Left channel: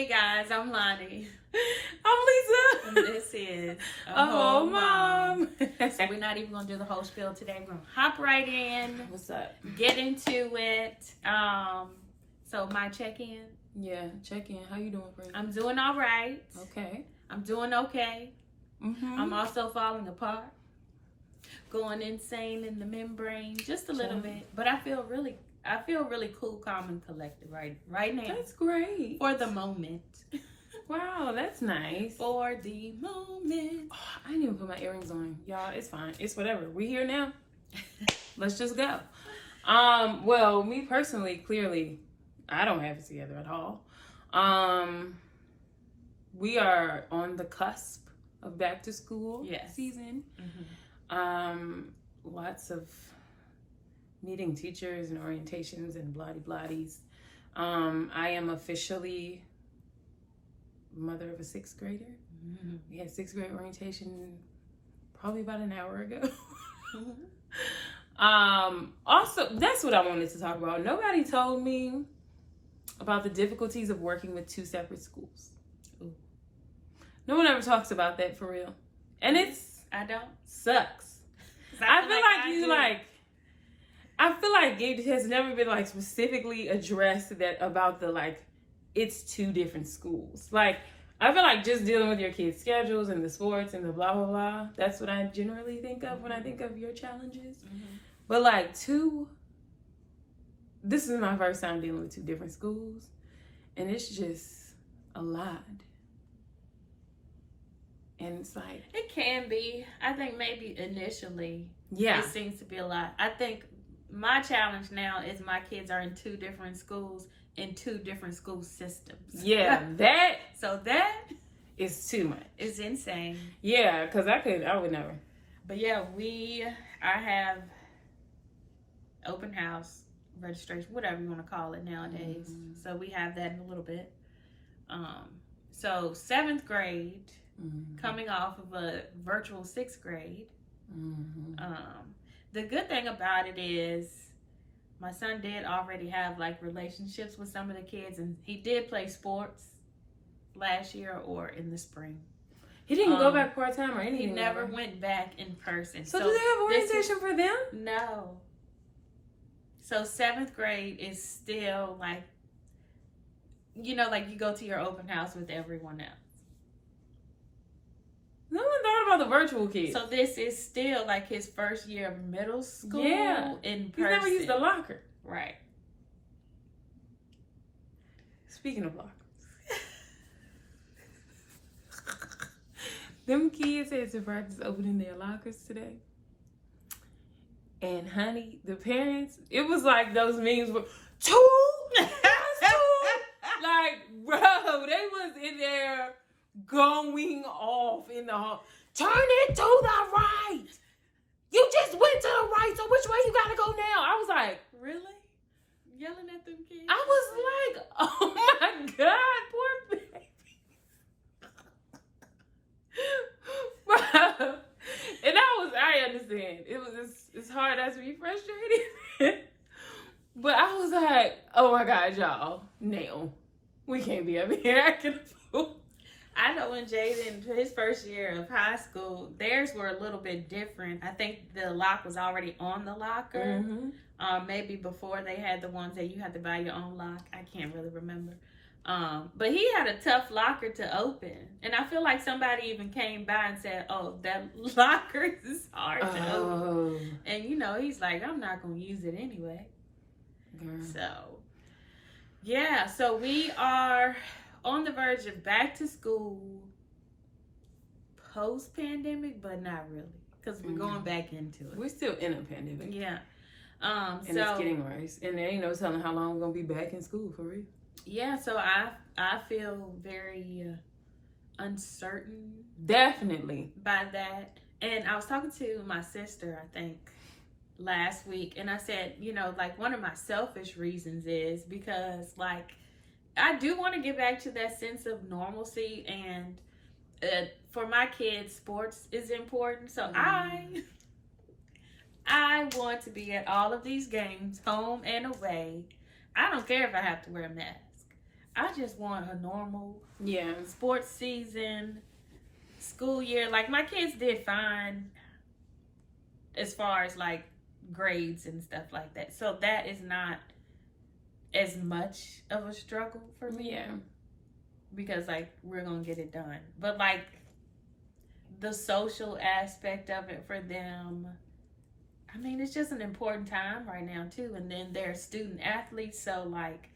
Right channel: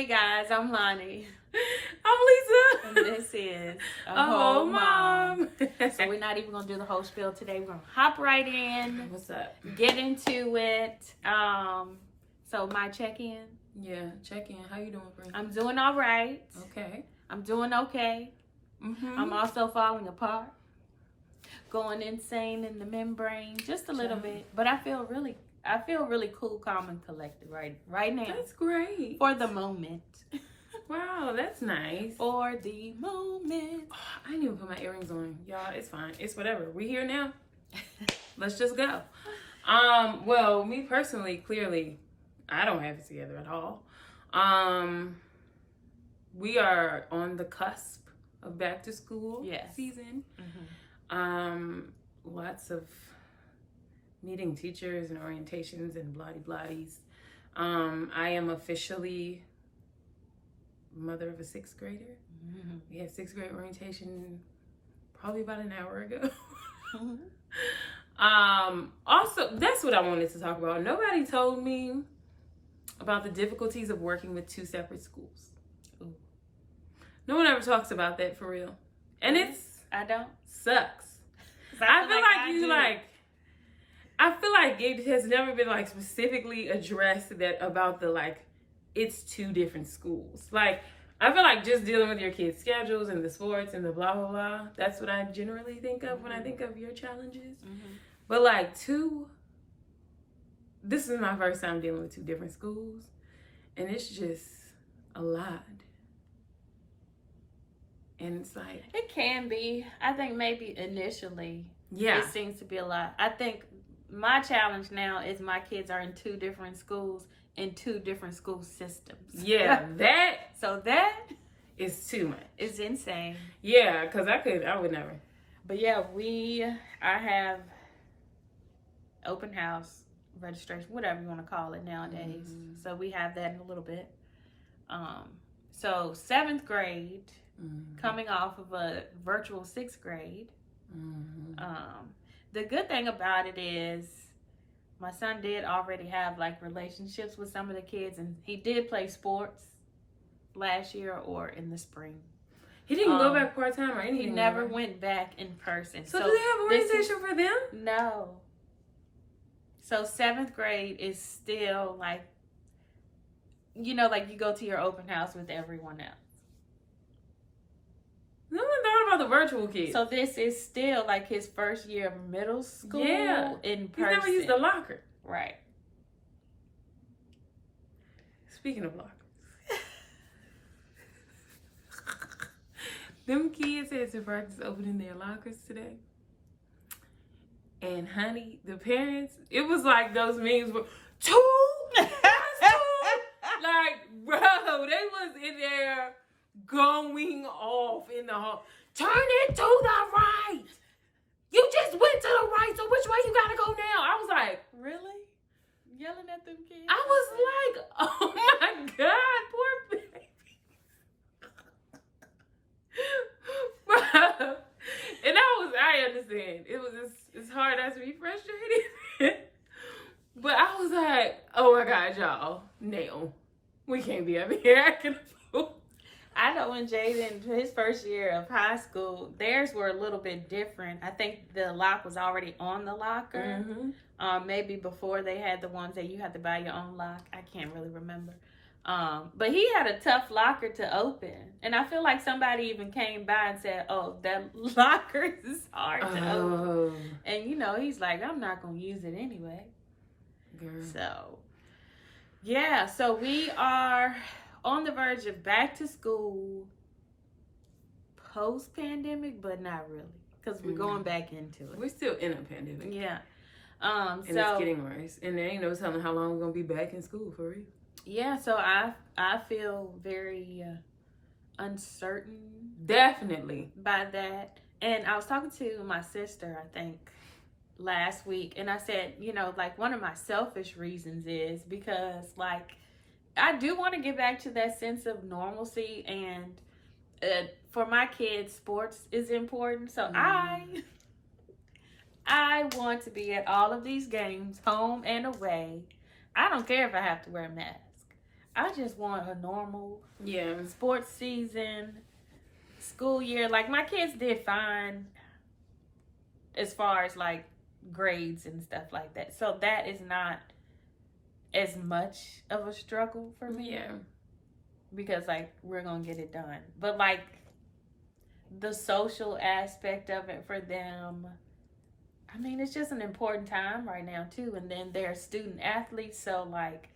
Hey guys, I'm Lonnie. I'm Lisa. And this is a whole mom. So we're not even going to do the whole spiel today. We're going to hop right in. What's up? Get into it. So my check-in. Yeah, check in. How you doing, friend? I'm doing all right. Okay. I'm doing okay. Mm-hmm. I'm also falling apart. Going insane in the membrane just a little bit. But I feel really cool, calm, and collected right now. That's great. For the moment. Wow, that's nice. For the moment. Oh, I didn't even put my earrings on. Y'all, it's fine. It's whatever. We here now. Let's just go. Well, me personally, clearly, I don't have it together at all. We are on the cusp of back to school season. Mm-hmm. Lots of meeting teachers and orientations and blahdy-blahdies. I am officially mother of a 6th grader. Mm-hmm. We had 6th grade orientation probably about an hour ago. Also, that's what I wanted to talk about. Nobody told me about the difficulties of working with 2 separate schools. Ooh. No one ever talks about that for real. And I don't. Sucks. I feel like it has never been specifically addressed about it's 2 different schools. I feel like just dealing with your kids' schedules and the sports and the blah, blah, blah. That's what I generally think of when I think of your challenges. Mm-hmm. But this is my first time dealing with 2 different schools. And it's just a lot. And it's it can be. I think maybe initially it seems to be a lot. I think my challenge now is my kids are in 2 different schools in 2 different school systems. Yeah, that is too much. It's insane. Yeah, because I would never. But yeah, I have open house registration, whatever you want to call it nowadays. Mm-hmm. So we have that in a little bit. So 7th grade, coming off of a virtual 6th grade. Mm-hmm. The good thing about it is my son did already have relationships with some of the kids, and he did play sports last year or in the spring. He didn't go back part-time or anything. He never went back in person. So do they have orientation for them? No. So 7th grade is still you go to your open house with everyone else. No one thought about the virtual kids. So this is still his first year of middle school in person. He's never used a locker. Right. Speaking of lockers. Them kids had to practice opening their lockers today. And honey, the parents, it was like those memes were 2? Bro, they was in there going off in the hall. Turn it to the right. You just went to the right, so which way you gotta go now? I was like, really? Yelling at them kids? I was like, oh my God, poor baby. Bro. And I understand. It's hard not to be frustrated. But I was like, oh my God, y'all. No. We can't be up here acting a fool. I know when Jaden, his first year of high school, theirs were a little bit different. I think the lock was already on the locker. Mm-hmm. Maybe before they had the ones that you had to buy your own lock. I can't really remember. But he had a tough locker to open. And I feel like somebody even came by and said, oh, that locker is hard to open. And, he's like, I'm not going to use it anyway. Girl. So, yeah. So we are on the verge of back to school post-pandemic, but not really. Because we're going back into it. We're still in a pandemic. Yeah. And it's getting worse. And there ain't no telling how long we're going to be back in school, for real. Yeah, so I feel very uncertain. Definitely. By that. And I was talking to my sister, I think, last week. And I said, one of my selfish reasons is because, I do want to get back to that sense of normalcy. And for my kids, sports is important. So I want to be at all of these games, home and away. I don't care if I have to wear a mask. I just want a normal Yeah. sports season, school year. Like, my kids did fine as far as, like, grades and stuff like that. So that is not as much of a struggle for me. Yeah. Because, like, we're going to get it done. But, like, the social aspect of it for them, I mean, it's just an important time right now, too. And then they're student athletes. So, like,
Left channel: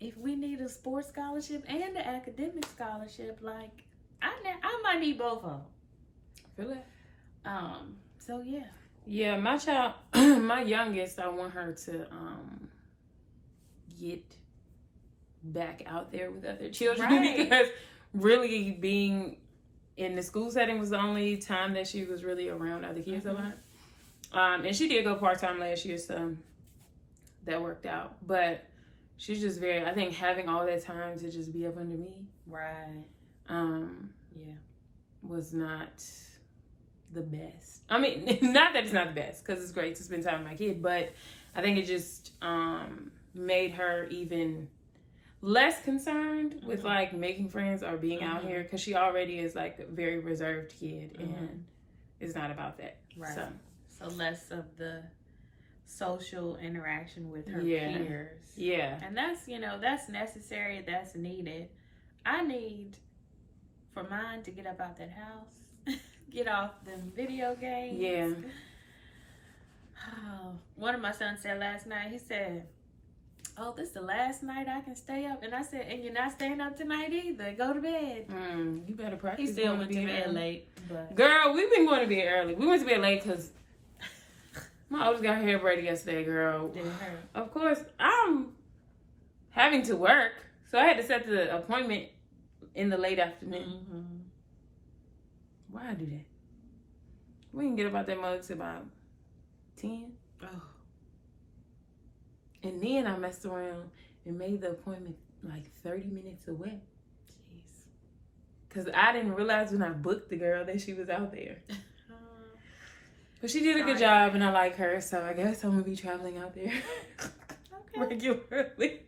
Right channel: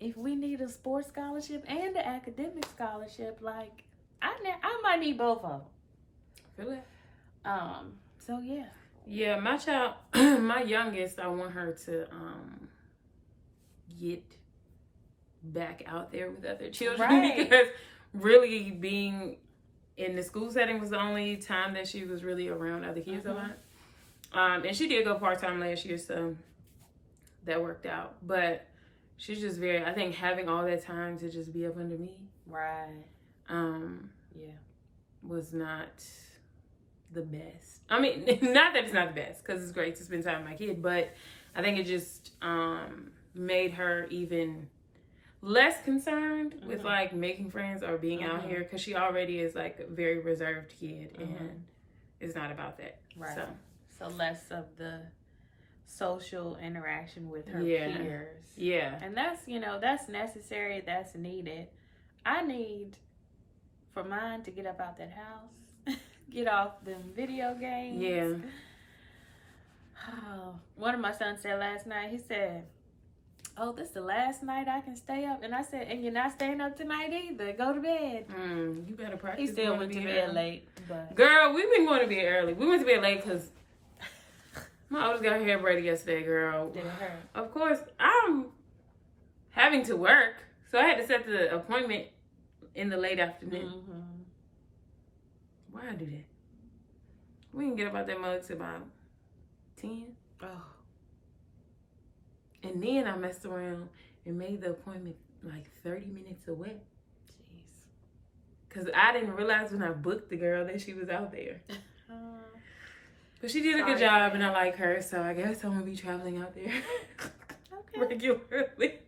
if we need a sports scholarship and an academic scholarship, like, I might need both of them. Really? So, yeah. Yeah, my child, my youngest, I want her to get back out there with other children. Right. Because really being in the school setting was the only time that she was really around other kids a lot. And she did go part-time last year, so that worked out. But she's just very, I think having all that time to just be up under me. Right. Yeah. Was not the best. I mean, not that it's not the best, because it's great to spend time with my kid, but I think it just made her even less concerned with like making friends or being out here, because she already is like a very reserved kid, and it's not about that. Right. So less of the social interaction with her peers. Yeah. And that's, that's necessary, that's needed. I need for mine to get up out that house, get off them video games. Yeah. One of my sons said last night, he said, "Oh, this is the last night I can stay up." And I said, "And you're not staying up tonight either. Go to bed." You better practice. He still went to bed late. But... Girl, we've been going to bed early. We went to bed late because my oldest got her hair braided yesterday, girl. Of course, I'm having to work, so I had to set the appointment in the late afternoon. Why I do that? We can get about that mug to about 10. Oh. And then I messed around and made the appointment like 30 minutes away. Jeez. Because I didn't realize when I booked the girl that she was out there. But she did a good job, and I like her, so I guess I'm going to be traveling out there regularly. Okay.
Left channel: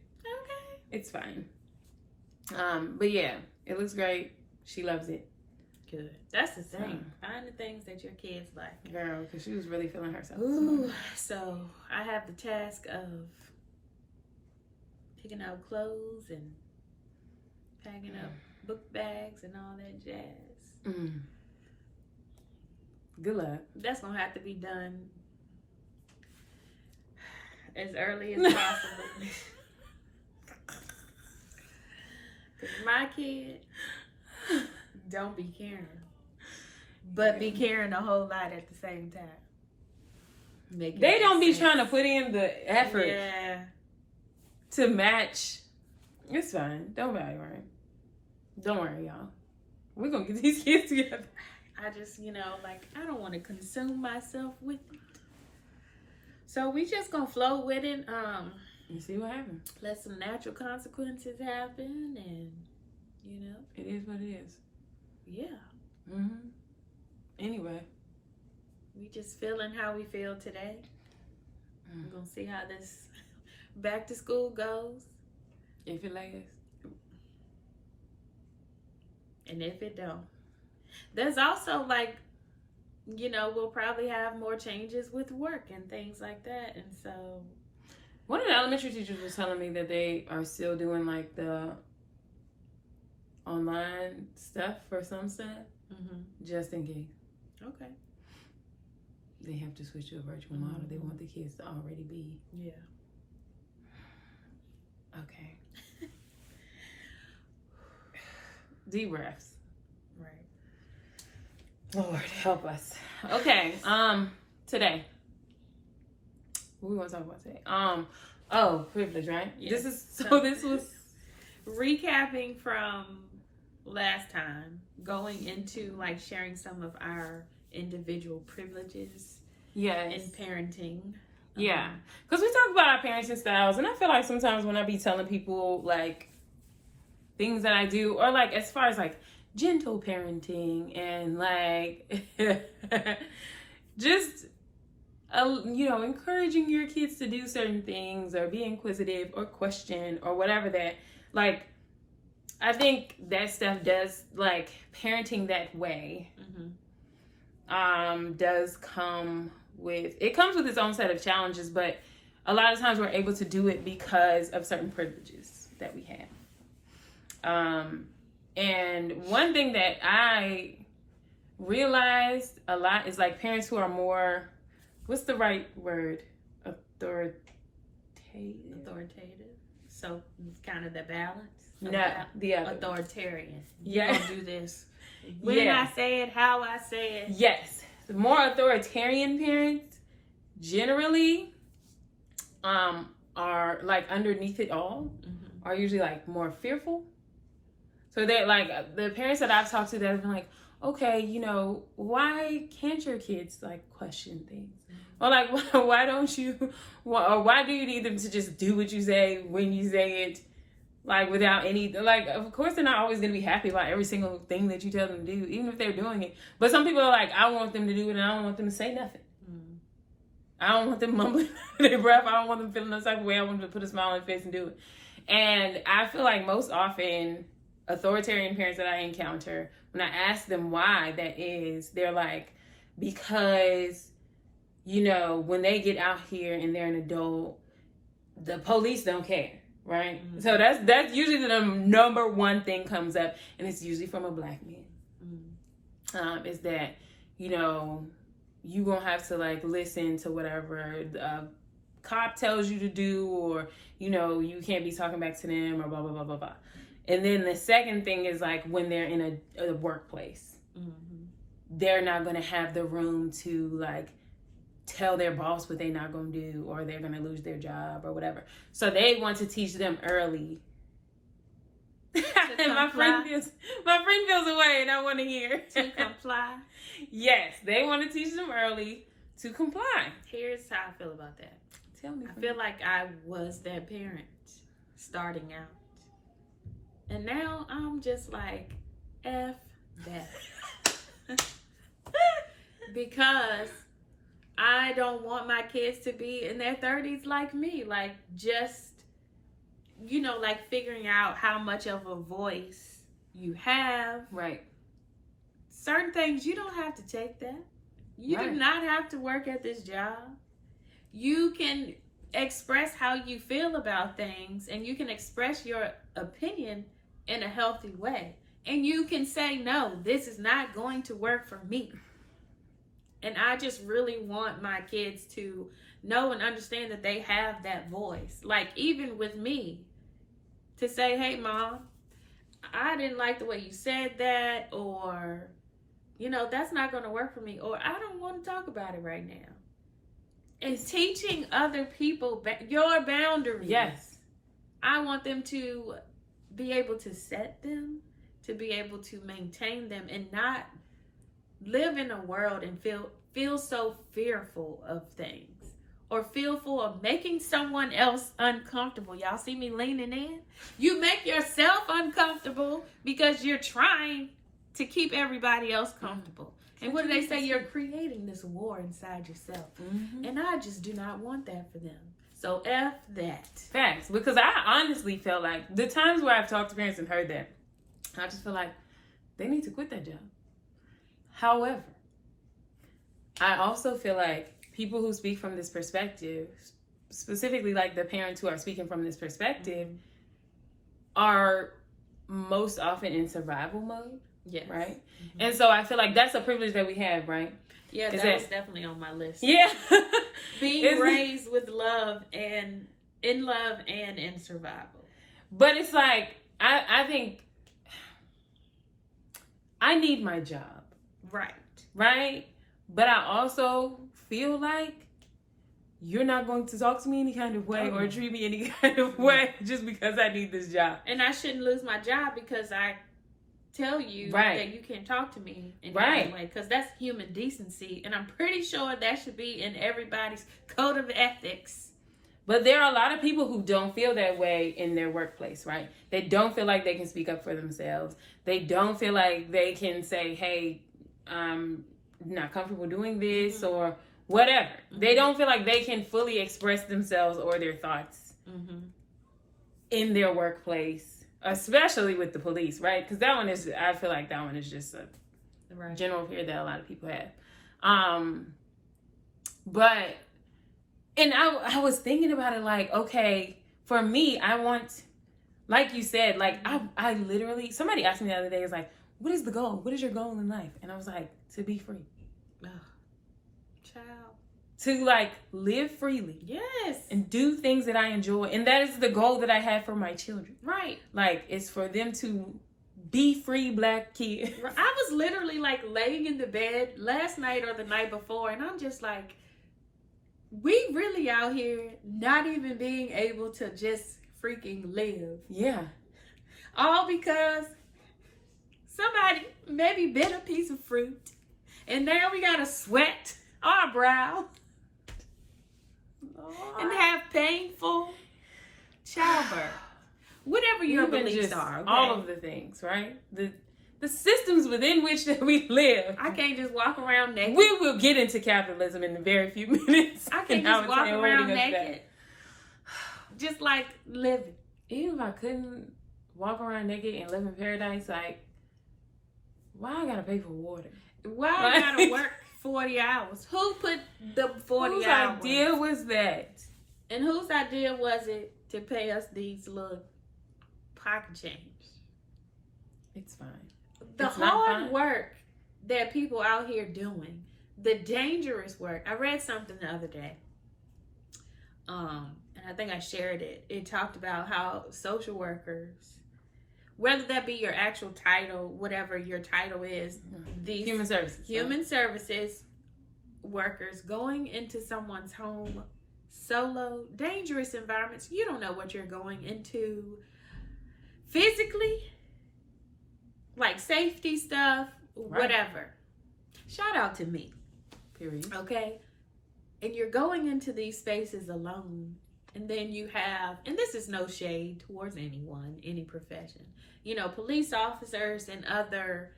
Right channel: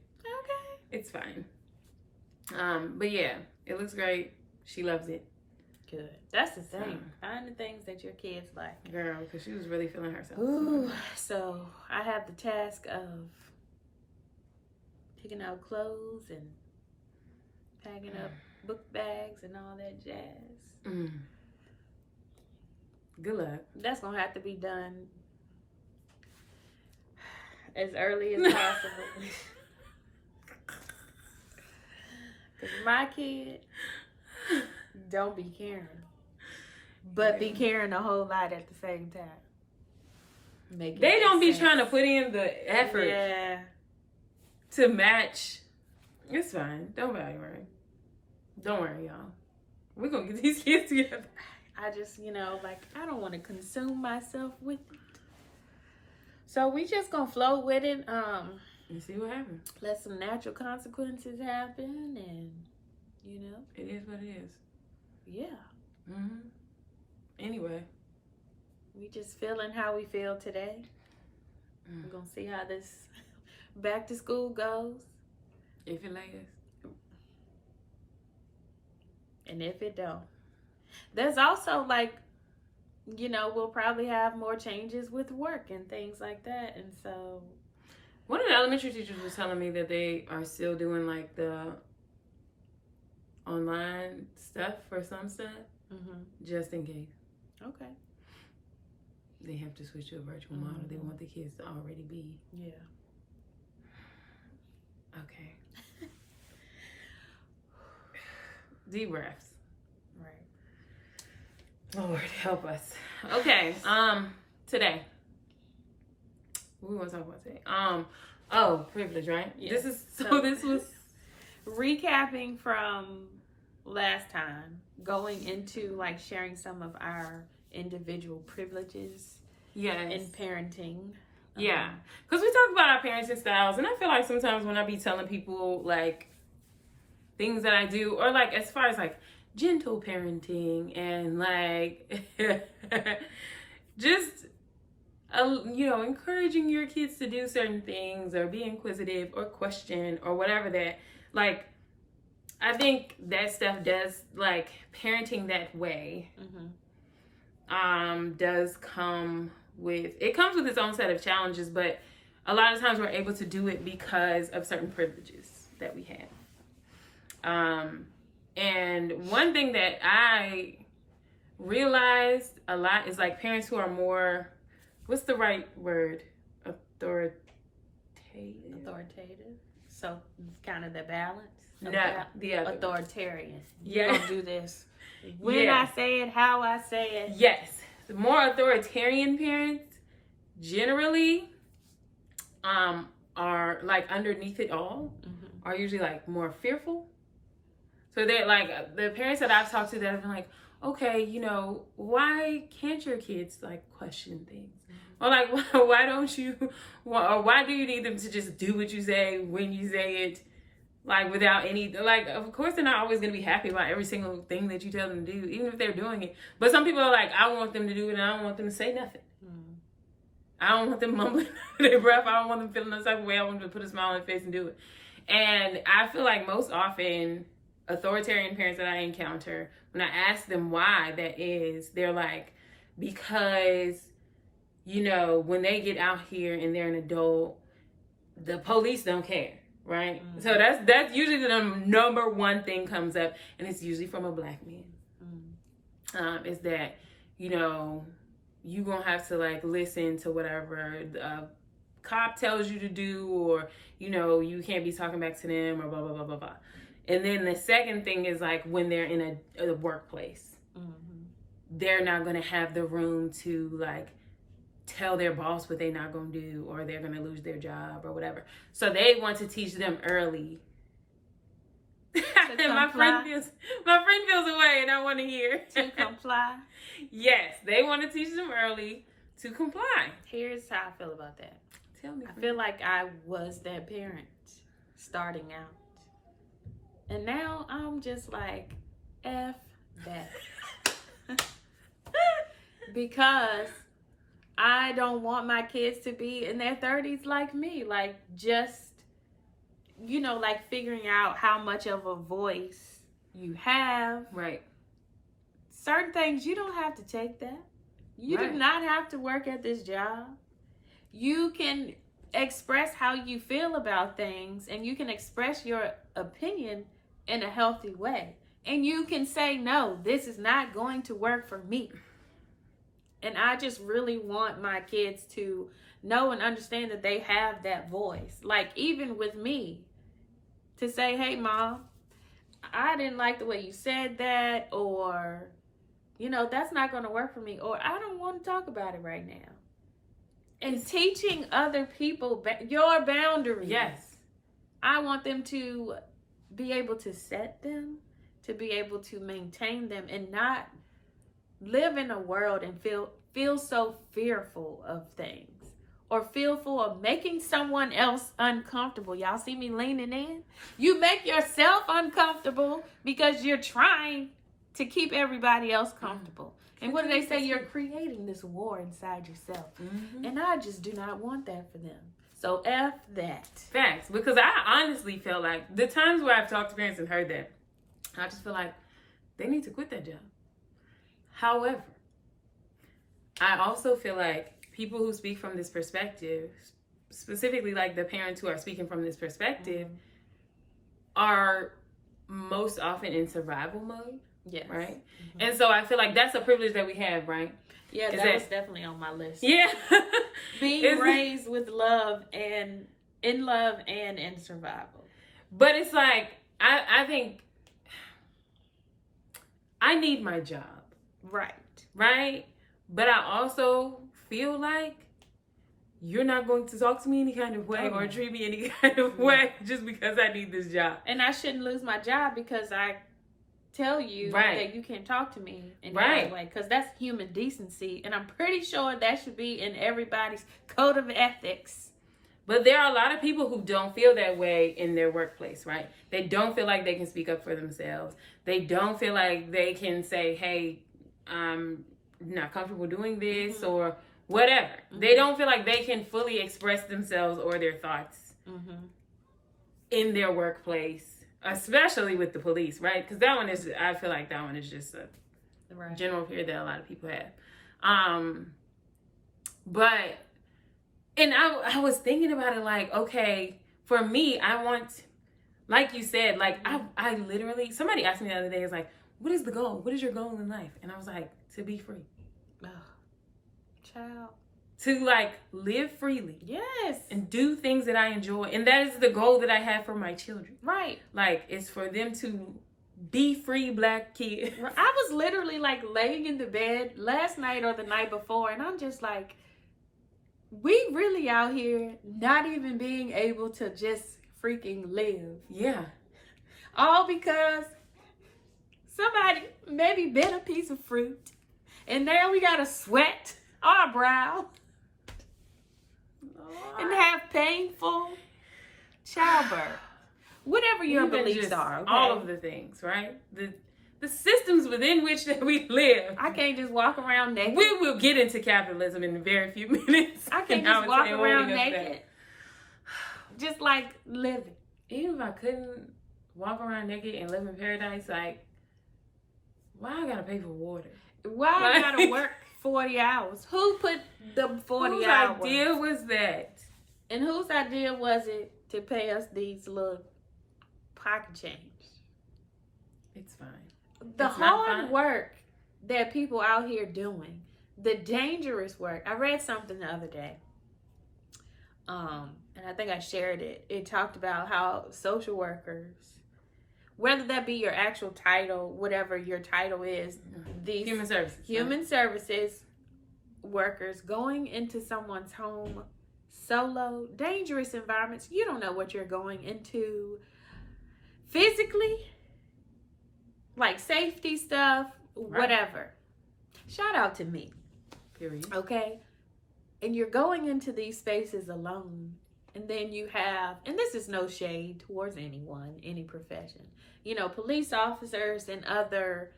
It's fine. But yeah, it looks great. She loves it. Good. That's the thing. Find the things that your kids like. Girl, because she was really feeling herself. Ooh, so I have the task of picking out clothes and packing up book bags and all that jazz. Good luck. That's going to have to be done as early as possible. Because my kid don't be caring. But be caring a whole lot at the same time. They don't be trying to put in the effort to match. It's fine. Don't worry. Don't worry, y'all. We're going to get these kids together. I just, I don't want to consume myself with it. So we just going to flow with it. And see what happens. Let some natural consequences happen, and, It is what it is. Yeah. Anyway. We just feeling how we feel today. We're going to see how this back to school goes. If it lasts. And if it don't. There's also, we'll probably have more changes with work and things like that. And so... One of the elementary teachers was telling me that they are still doing, the online stuff for some stuff. Just in case. Okay. They have to switch to a virtual model. They want the kids to already be. Yeah. Okay. Deep breaths. Right. Lord, help us. Okay. Today. What we want to talk about today? Privilege, right? Yes. This was recapping from last time, going into sharing some of our individual privileges in parenting. Yeah, because we talk about our parenting styles, and I feel like sometimes when I be telling people things that I do, or as far as gentle parenting and just encouraging your kids to do certain things or be inquisitive or question or whatever, that I think that stuff does, like, parenting that way does come with, it comes with its own set of challenges, but a lot of times we're able to do it because of certain privileges that we have. And one thing that I realized a lot is, like, parents who are more, what's the right word? Authoritative. So kind of the balance. No, the other. Authoritarian. Yeah. You don't do this when I say it, how I say it. Yes. The more authoritarian parents generally are, like, underneath it all are usually, like, more fearful. So they're like, the parents that I've talked to that have been like, okay, you know, why can't your kids, like, question things? Or, like, why don't you, or why do you need them to just do what you say when you say it, like, without any, like, of course they're not always going to be happy about every single thing that you tell them to do, even if they're doing it. But some people are like, I want them to do it and I don't want them to say nothing. I don't want them mumbling under their breath. I don't want them feeling the type of way. I want them to put a smile on their face and do it. And I feel like most often authoritarian parents that I encounter, when I ask them why that is, they're like, because, you know, when they get out here and they're an adult, the police don't care, right? So that's usually the number one thing comes up, and it's usually from a black man. Is that, you know, you gonna have to, like, listen to whatever the cop tells you to do, or, you know, you can't be talking back to them, or blah, blah, blah, blah, blah. And then the second thing is, like, when they're in a workplace, they're not going to have the room to, like, tell their boss what they're not going to do, or they're going to lose their job or whatever. So they want to teach them early. And my friend feels away, and I want to hear. To comply? Yes, they want to teach them early to comply. Here's how I feel about that. Tell me. I feel like I was that parent starting out. And now I'm just like, F that. Because I don't want my kids to be in their 30s like me. Like, just, you know, like, figuring out how much of a voice you have. Right. Certain things, you don't have to take that. You do not have to work at this job. You can express how you feel about things, and you can express your opinion in a healthy way. And you can say, no, this is not going to work for me. And I just really want my kids to know and understand that they have that voice. Like, even with me, to say, hey, Mom, I didn't like the way you said that, or, you know, that's not going to work for me, or I don't want to talk about it right now. And teaching other people your boundaries. Yes. I want them to be able to set them, to be able to maintain them, and not live in a world and feel so fearful of things, or fearful of making someone else uncomfortable. Y'all see me leaning in? You make yourself uncomfortable because you're trying to keep everybody else comfortable. And what do they say? You're creating this war inside yourself. And I just do not want that for them. So F that. Facts. Because I honestly felt like the times where I've talked to parents and heard that, I just feel like they need to quit that job. However, I also feel like people who speak from this perspective, specifically like the parents who are speaking from this perspective, are most often in survival mode. Yes. Right? And so I feel like that's a privilege that we have, right? Yeah, that was definitely on my list. Yeah. Being raised with love, and in love and in survival. But it's like, I think I need my job. Right? But I also feel like you're not going to talk to me any kind of way or treat me any kind of way just because I need this job. And I shouldn't lose my job because I tell you that you can't talk to me in any way, because that's human decency, and I'm pretty sure that should be in everybody's code of ethics. But there are a lot of people who don't feel that way in their workplace, right? They don't feel like they can speak up for themselves. They don't feel like they can say, hey, I'm not comfortable doing this or whatever. They don't feel like they can fully express themselves or their thoughts in their workplace especially with the police, right? Because that one is, I feel like that one is just a right. general fear that a lot of people have. But, and I was thinking about it like, okay, for me, I want, like you said, like I literally, somebody asked me the other day, is like, what is the goal? What is your goal in life? And I was like, to be free. Oh, child. To like live freely. Yes. And do things that I enjoy. And that is the goal that I have for my children. Right. Like, it's for them to be free Black kids. I was literally like laying in the bed last night or the night before, and I'm just like, we really out here not even being able to just freaking live. Yeah. All because somebody maybe bit a piece of fruit, and now we gotta sweat our brow and have painful childbirth. Whatever your beliefs are. Okay? All of the things, right? The systems within which that we live. I can't just walk around naked. We will get into capitalism in a very few minutes. I can't just walk around naked. Just like living. Even if I couldn't walk around naked and live in paradise, like, why I gotta pay for water? Why I gotta work 40 hours? Who put the 40 hours? Whose idea was that? And whose idea was it to pay us these little pocket change? It's fine. The hard work that people out here doing, the dangerous work. I read something the other day, and I think I shared it. It talked about how social workers, whether that be your actual title, whatever your title is, these human services workers going into someone's home solo, dangerous environments. You don't know what you're going into physically, like safety stuff, whatever. Shout out to me. Period. Okay? And you're going into these spaces alone. And then you have, and this is no shade towards anyone, any profession. You know, police officers and other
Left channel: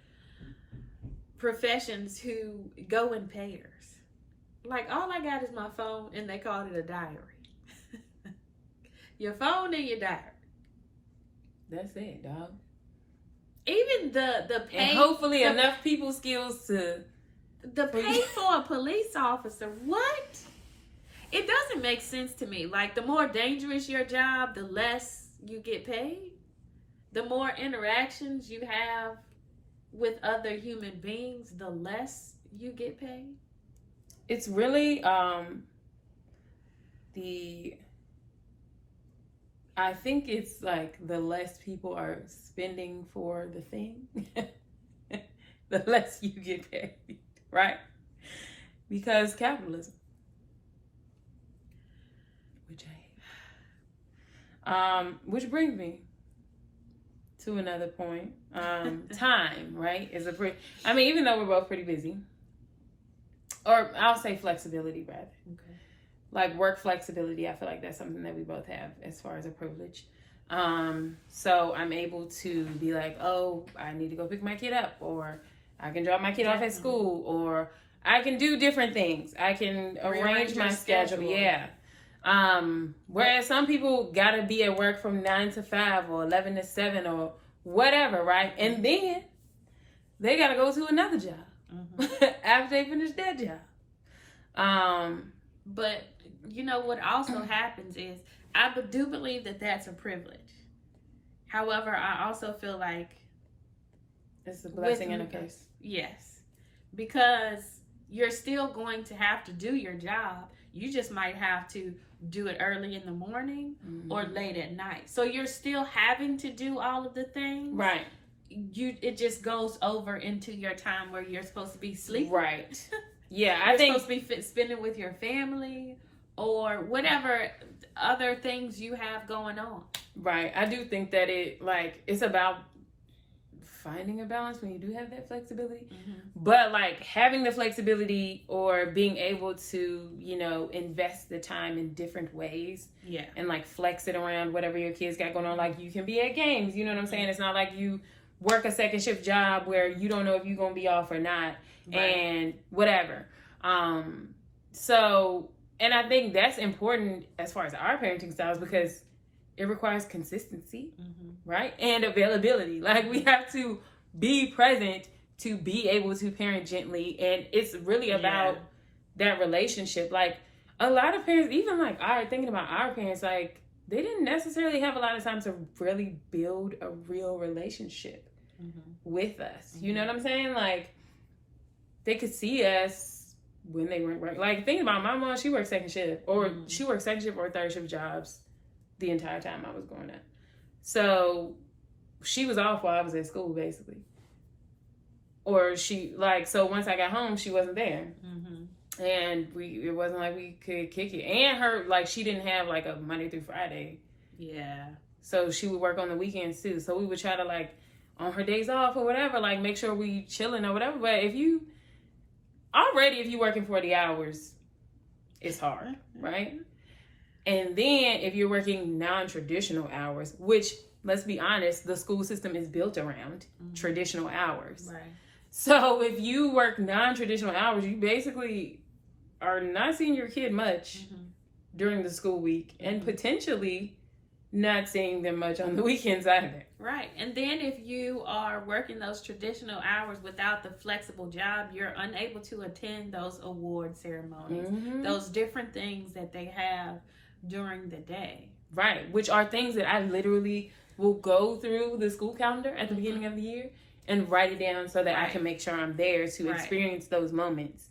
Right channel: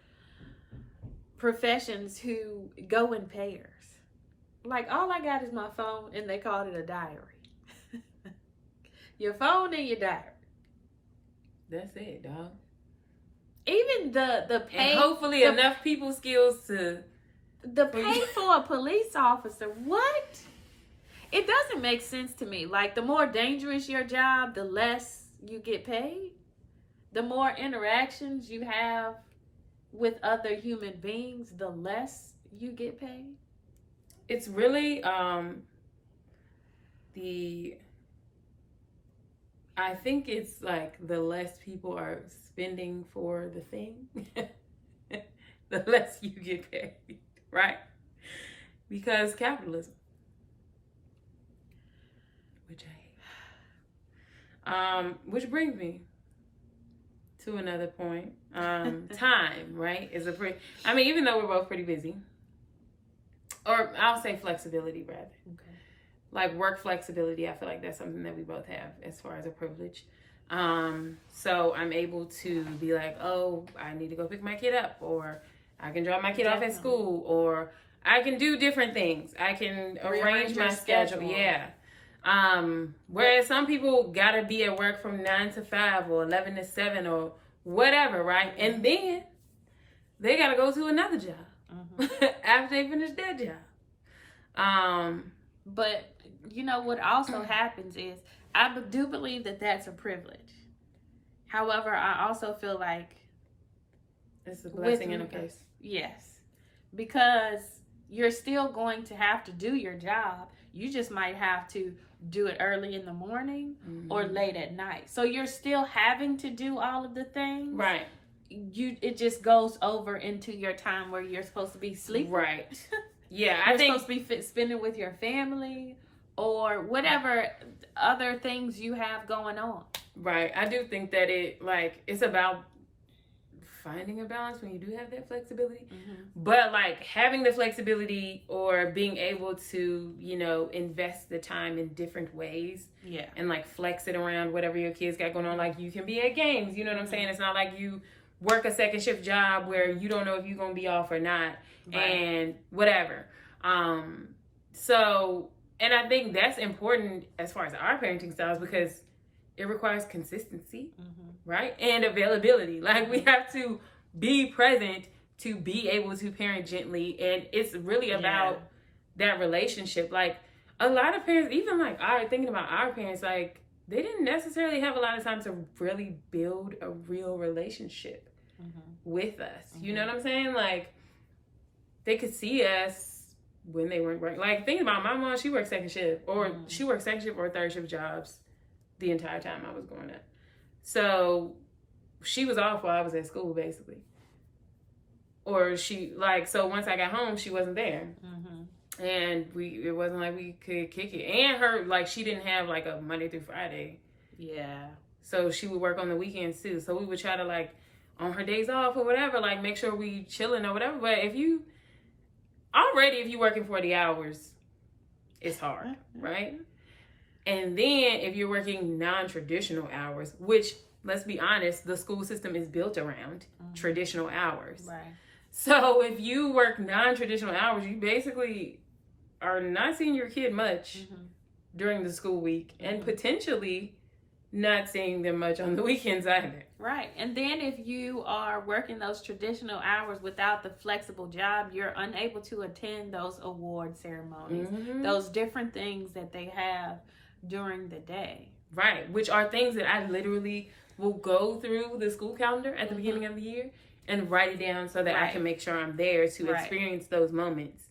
professions who go in pairs. Like, all I got is my phone, and they called it a diary. Your phone and your diary. That's it, dog. Even the pay, and hopefully enough people skills to the pay for a police officer. What? It doesn't make sense to me. Like, the more dangerous your job, the less you get paid. The more interactions you have with other human beings, the less you get paid. It's really I think it's like the less people are spending for the thing, the less you get paid, right? Because capitalism, which I hate. Which brings me to another point. Time, right, is I mean, even though we're both pretty busy, or I'll say flexibility rather. Okay. Like work flexibility, I feel like that's something that we both have as far as a privilege. So I'm able to be like, oh, I need to go pick my kid up, or I can drop my kid off at school, or I can do different things. I can arrange my schedule. Yeah. Whereas some people gotta be at work from 9 to 5 or 11 to 7 or whatever, right? And then they gotta go to another job after they finish that job. But you know what also happens is I do believe that that's a privilege. However, I also feel like it's a blessing and a curse. Yes. Because you're still going to have to do your job. You just might have to do it early in the morning or late at night. So you're still having to do all of the things. Right. It just goes over into your time where you're supposed to be sleeping. Right. Yeah, I think supposed to be spending with your family or whatever other things you have going on. Right. I do think that it's about finding a balance when you do have that flexibility. But like having the flexibility or being able to, you know, invest the time in different ways. Yeah. And like flex it around whatever your kids got going on. Like you can be at games, you know what I'm saying? It's not like you work a second shift job where you don't know if you're going to be off or not. Right. And whatever. So, and I think that's important as far as our parenting styles, because it requires consistency, right? And availability. Like, we have to be present to be able to parent gently. And it's really about that relationship. Like, a lot of parents, even like thinking about our parents, like, they didn't necessarily have a lot of time to really build a real relationship with us. You know what I'm saying? Like, they could see us when they weren't working. Like, think about my mom, she worked second shift, or she worked second shift or third shift jobs the entire time I was going up. So she was off while I was at school, basically. Or so once I got home, she wasn't there. And it wasn't like we could kick it. And her, like, she didn't have like a Monday through Friday. Yeah. So she would work on the weekends too. So we would try to, like, on her days off or whatever, like, make sure we chilling or whatever. But if you working 40 hours, it's hard, right? And then if you're working non-traditional hours, which, let's be honest, the school system is built around traditional hours. Right. So if you work non-traditional hours, you basically are not seeing your kid much during the school week, and potentially not seeing them much on the weekends either. Right. And then if you are working those traditional hours without the flexible job, you're unable to attend those award ceremonies, those different things that they have during the day. Right. Which are things that I literally will go through the school calendar at the beginning of the year and write it down so that I can make sure I'm there to experience those moments.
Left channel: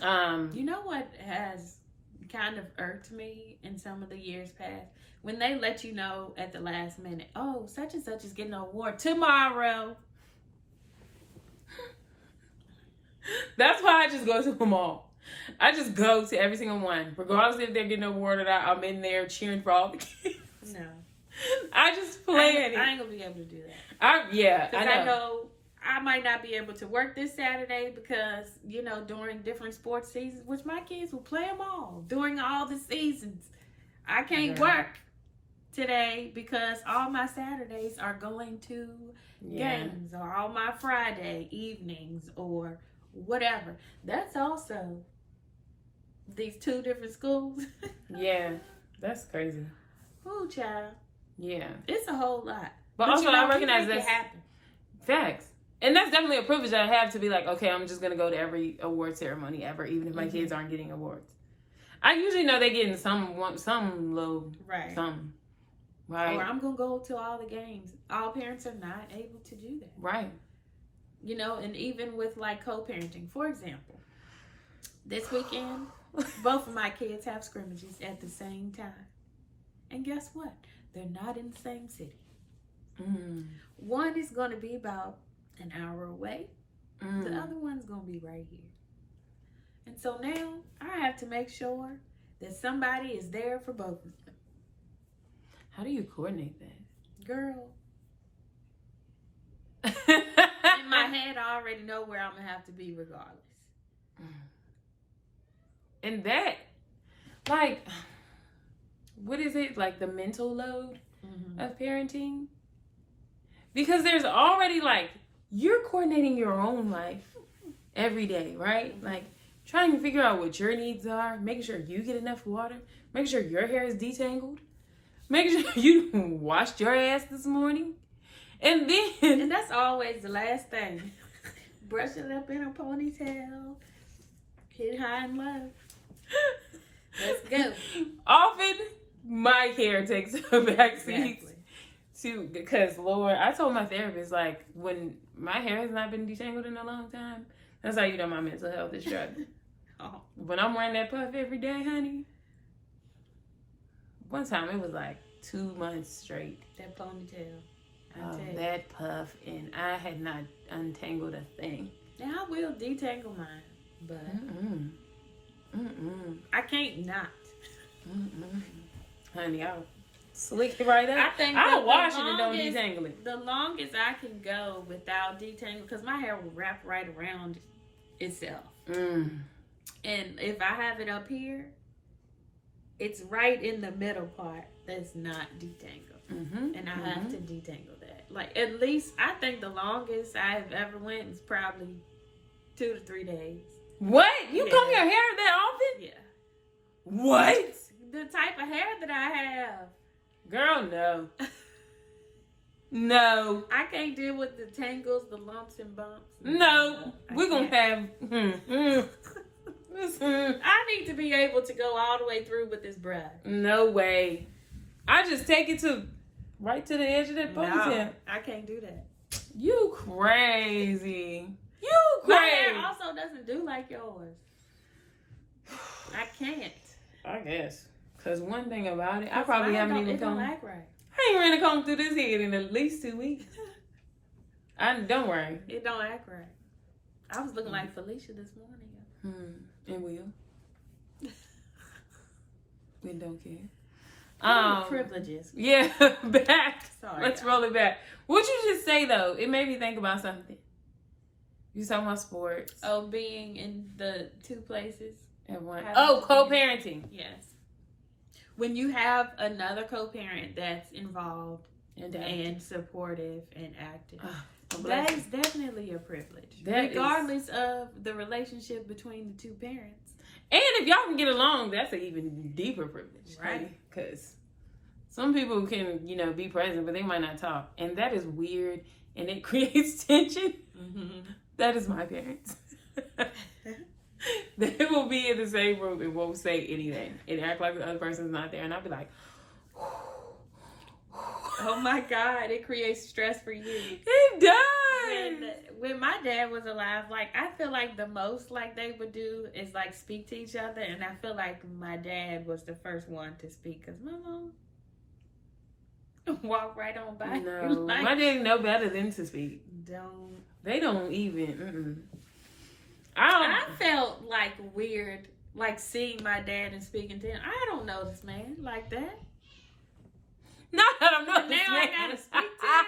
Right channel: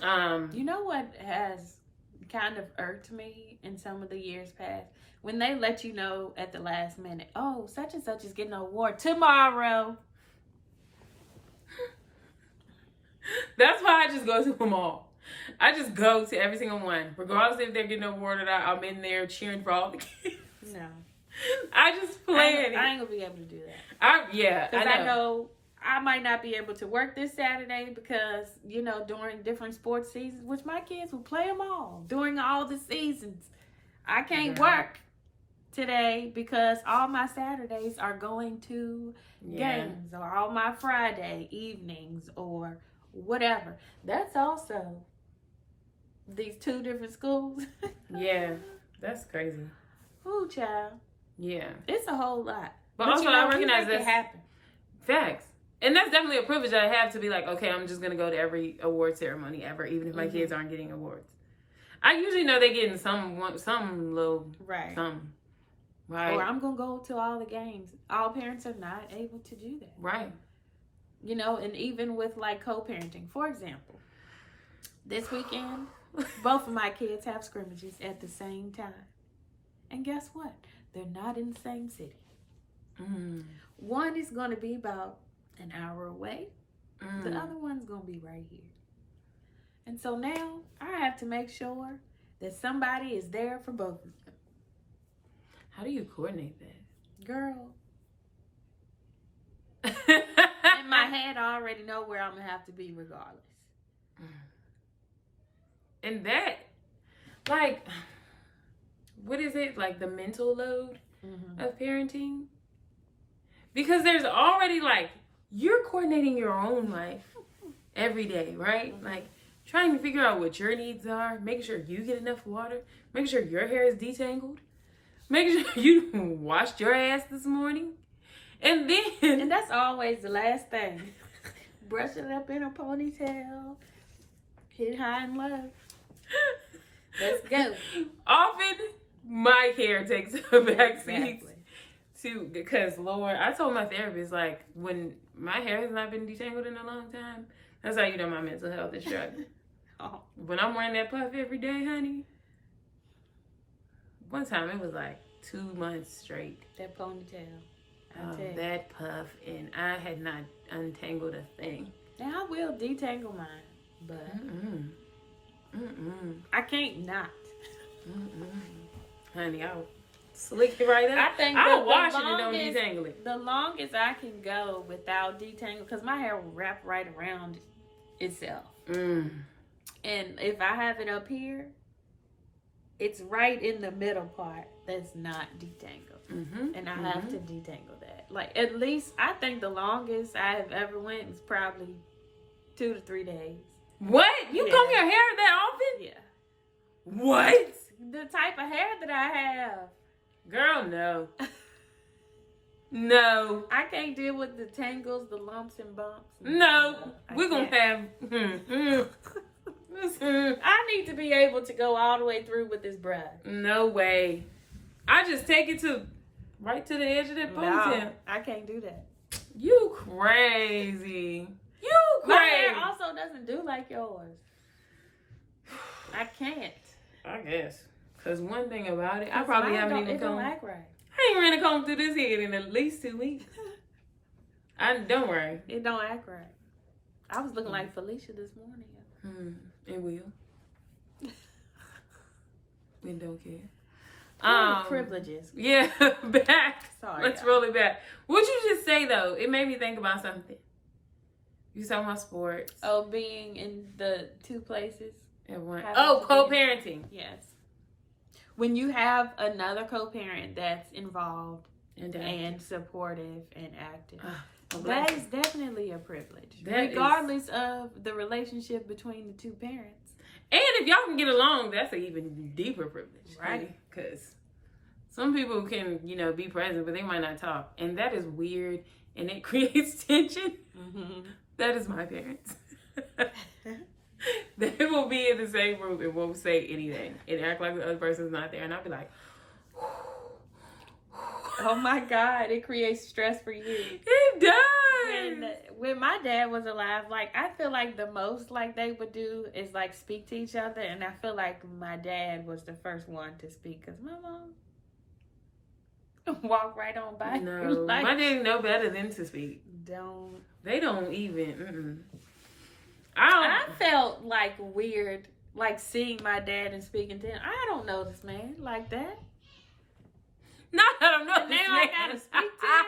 You know what has kind of irked me in some of the years past? When they let you know at the last minute, oh, such and such is getting an award tomorrow. That's why I just go to them all. I just go to every single one. Regardless if they're getting an award or not, I'm in there cheering for all the kids. No. I just plan it. I ain't going to be able to do that. I know I might not be able to work this Saturday because, during different sports seasons, which my kids will play them all during all the seasons. I can't work today because all my Saturdays are going to games, or all my Friday evenings or whatever. That's also these two different schools. Yeah, that's crazy. Ooh, child. Yeah. It's a whole lot. But also, I recognize that's facts. And that's definitely a privilege that I have to be like, okay, I'm just going to go to every award ceremony ever, even if my kids aren't getting awards. I usually know they're getting some little, something. Right. Or I'm going to go to all the games. All parents are not able to do that. Right. And even with, like, co-parenting. For example, this weekend, both of my kids have scrimmages at the same time. And guess what? They're not in the same city. One is going to be about an hour away. The other one's going to be right here. And so now I have to make sure that somebody is there for both of them. How do you coordinate that? Girl. In my head, I already know where I'm going to have to be regardless. And that, like, what is it? Like the mental load of parenting? Because there's already, like, you're coordinating your own life every day, right? Like, trying to figure out what your needs are, making sure you get enough water, making sure your hair is detangled, making sure you washed your ass this morning. And then... And that's always the last thing. Brush it up in a ponytail, hit high and low. Let's go. Often, my hair takes a backseat. Because, Lord, I told my therapist, like, when my hair has not been detangled in a long time, that's how you know my mental health is struggling. When I'm wearing that puff every day, honey, one time it was like 2 months straight. That ponytail. That puff, and I had not untangled a thing. Now, I will detangle mine, but I can't not. Honey, I'll slick it right up. I'll wash it and don't detangle it. The longest I can go without detangling, because my hair will wrap right around itself. And if I have it up here, it's right in the middle part that's not detangled. And I have to detangle that. Like, at least, I think the longest I've ever went was probably 2 to 3 days. What? You comb your hair that often? Yeah. What? The type of hair that I have. Girl, no. No. I can't deal with the tangles, the lumps and bumps. No. We're going to have... I need to be able to go all the way through with this breath. No way. I just take it right to the edge of that ponytail. No, I can't do that. You crazy. You My crazy. hair also doesn't do like yours. I can't. I guess. Because one thing about it, I probably haven't even combed. It don't act right. I ain't ran a comb through this head in at least 2 weeks. Don't worry. It don't act right. I was looking like Felicia this morning. And will. And don't care. Privileges. Yeah, back. Sorry, Let's roll it back. What'd you just say, though? It made me think about something. You talking about sports. Oh, being in the 2 places. At one. Oh, co-parenting. Yes. When you have another co-parent that's involved and supportive and active, that is definitely a privilege. Regardless of the relationship between the 2 parents. And if y'all can get along, that's an even deeper privilege. Right. Because some people can, be present, but they might not talk. And that is weird. And it creates tension. Mm-hmm. That is my parents. They will be in the same room and won't say anything and act like the other person's not there. And I'll be like, oh my God, it creates stress for you. It does. When my dad was alive, I feel like the most they would do is speak to each other. And I feel like my dad was the first one to speak because my mom walk right on by. No, my dad know better than to speak. They don't even. I felt weird, seeing my dad and speaking to him. I don't know this man like that. Not that I know this now man. I gotta speak to him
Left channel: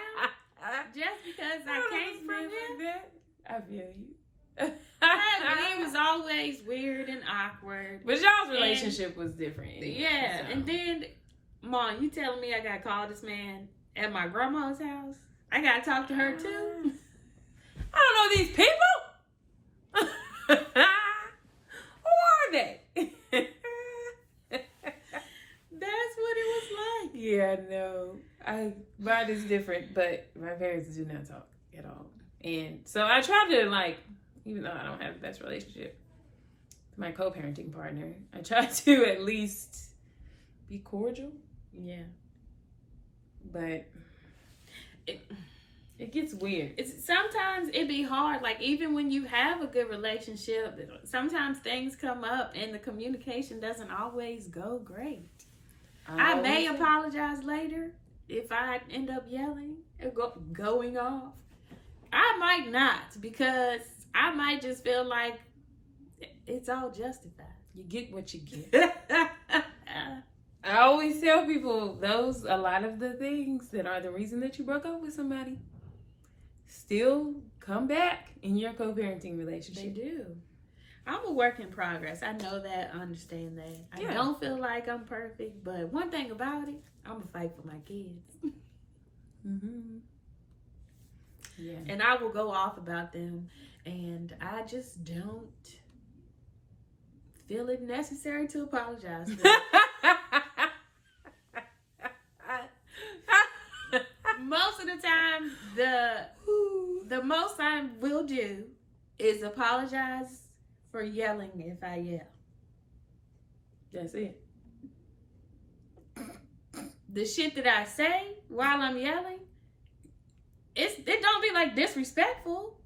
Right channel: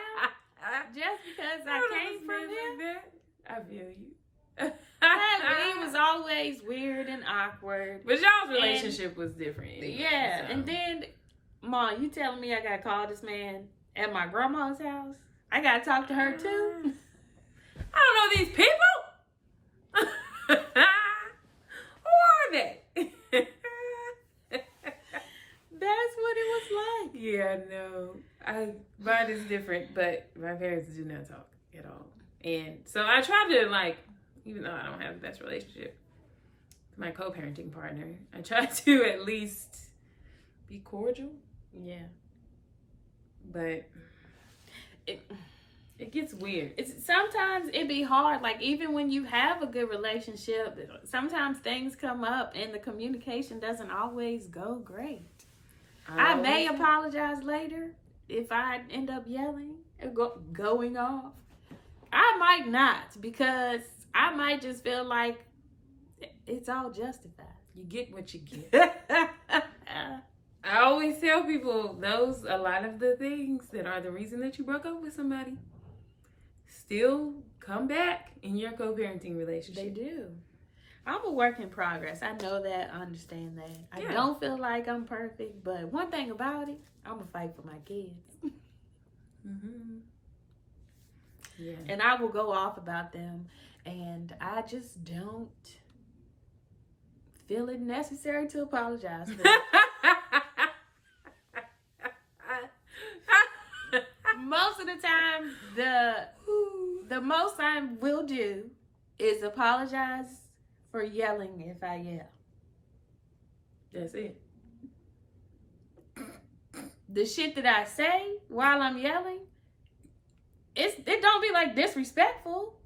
just because I came from him. Like that. I feel you. It was always weird and awkward. But y'all's relationship was different. Anyway, yeah, so. And then, Mom, you telling me I gotta call this man at my grandma's house? I gotta talk to her too. I don't know these people. Who are they? That's what it was like. Yeah, no. Mine is different, but my parents do not talk at all. And so I try to even though I don't have the best relationship with my co-parenting partner, I try to at least be cordial. Yeah. But it gets weird. Sometimes it be hard. Even when you have a good relationship, sometimes things come up and the communication doesn't always go great. I may apologize later if I end up yelling and going off. I might not, because I might just feel like it's all justified. You get what you get. I always tell people a lot of the things that are the reason that you broke up with somebody still come back in your co-parenting relationship. They do. I'm a work in progress. I know that. I understand that. I don't feel like I'm perfect, but one thing about it, I'm going to fight for my kids. Mm-hmm. Yeah. And I will go off about them, and I just don't feel it necessary to apologize for it. Most of the time, the most I will do is apologize for yelling if I yell. That's it. The shit that I say while I'm yelling, it don't be disrespectful.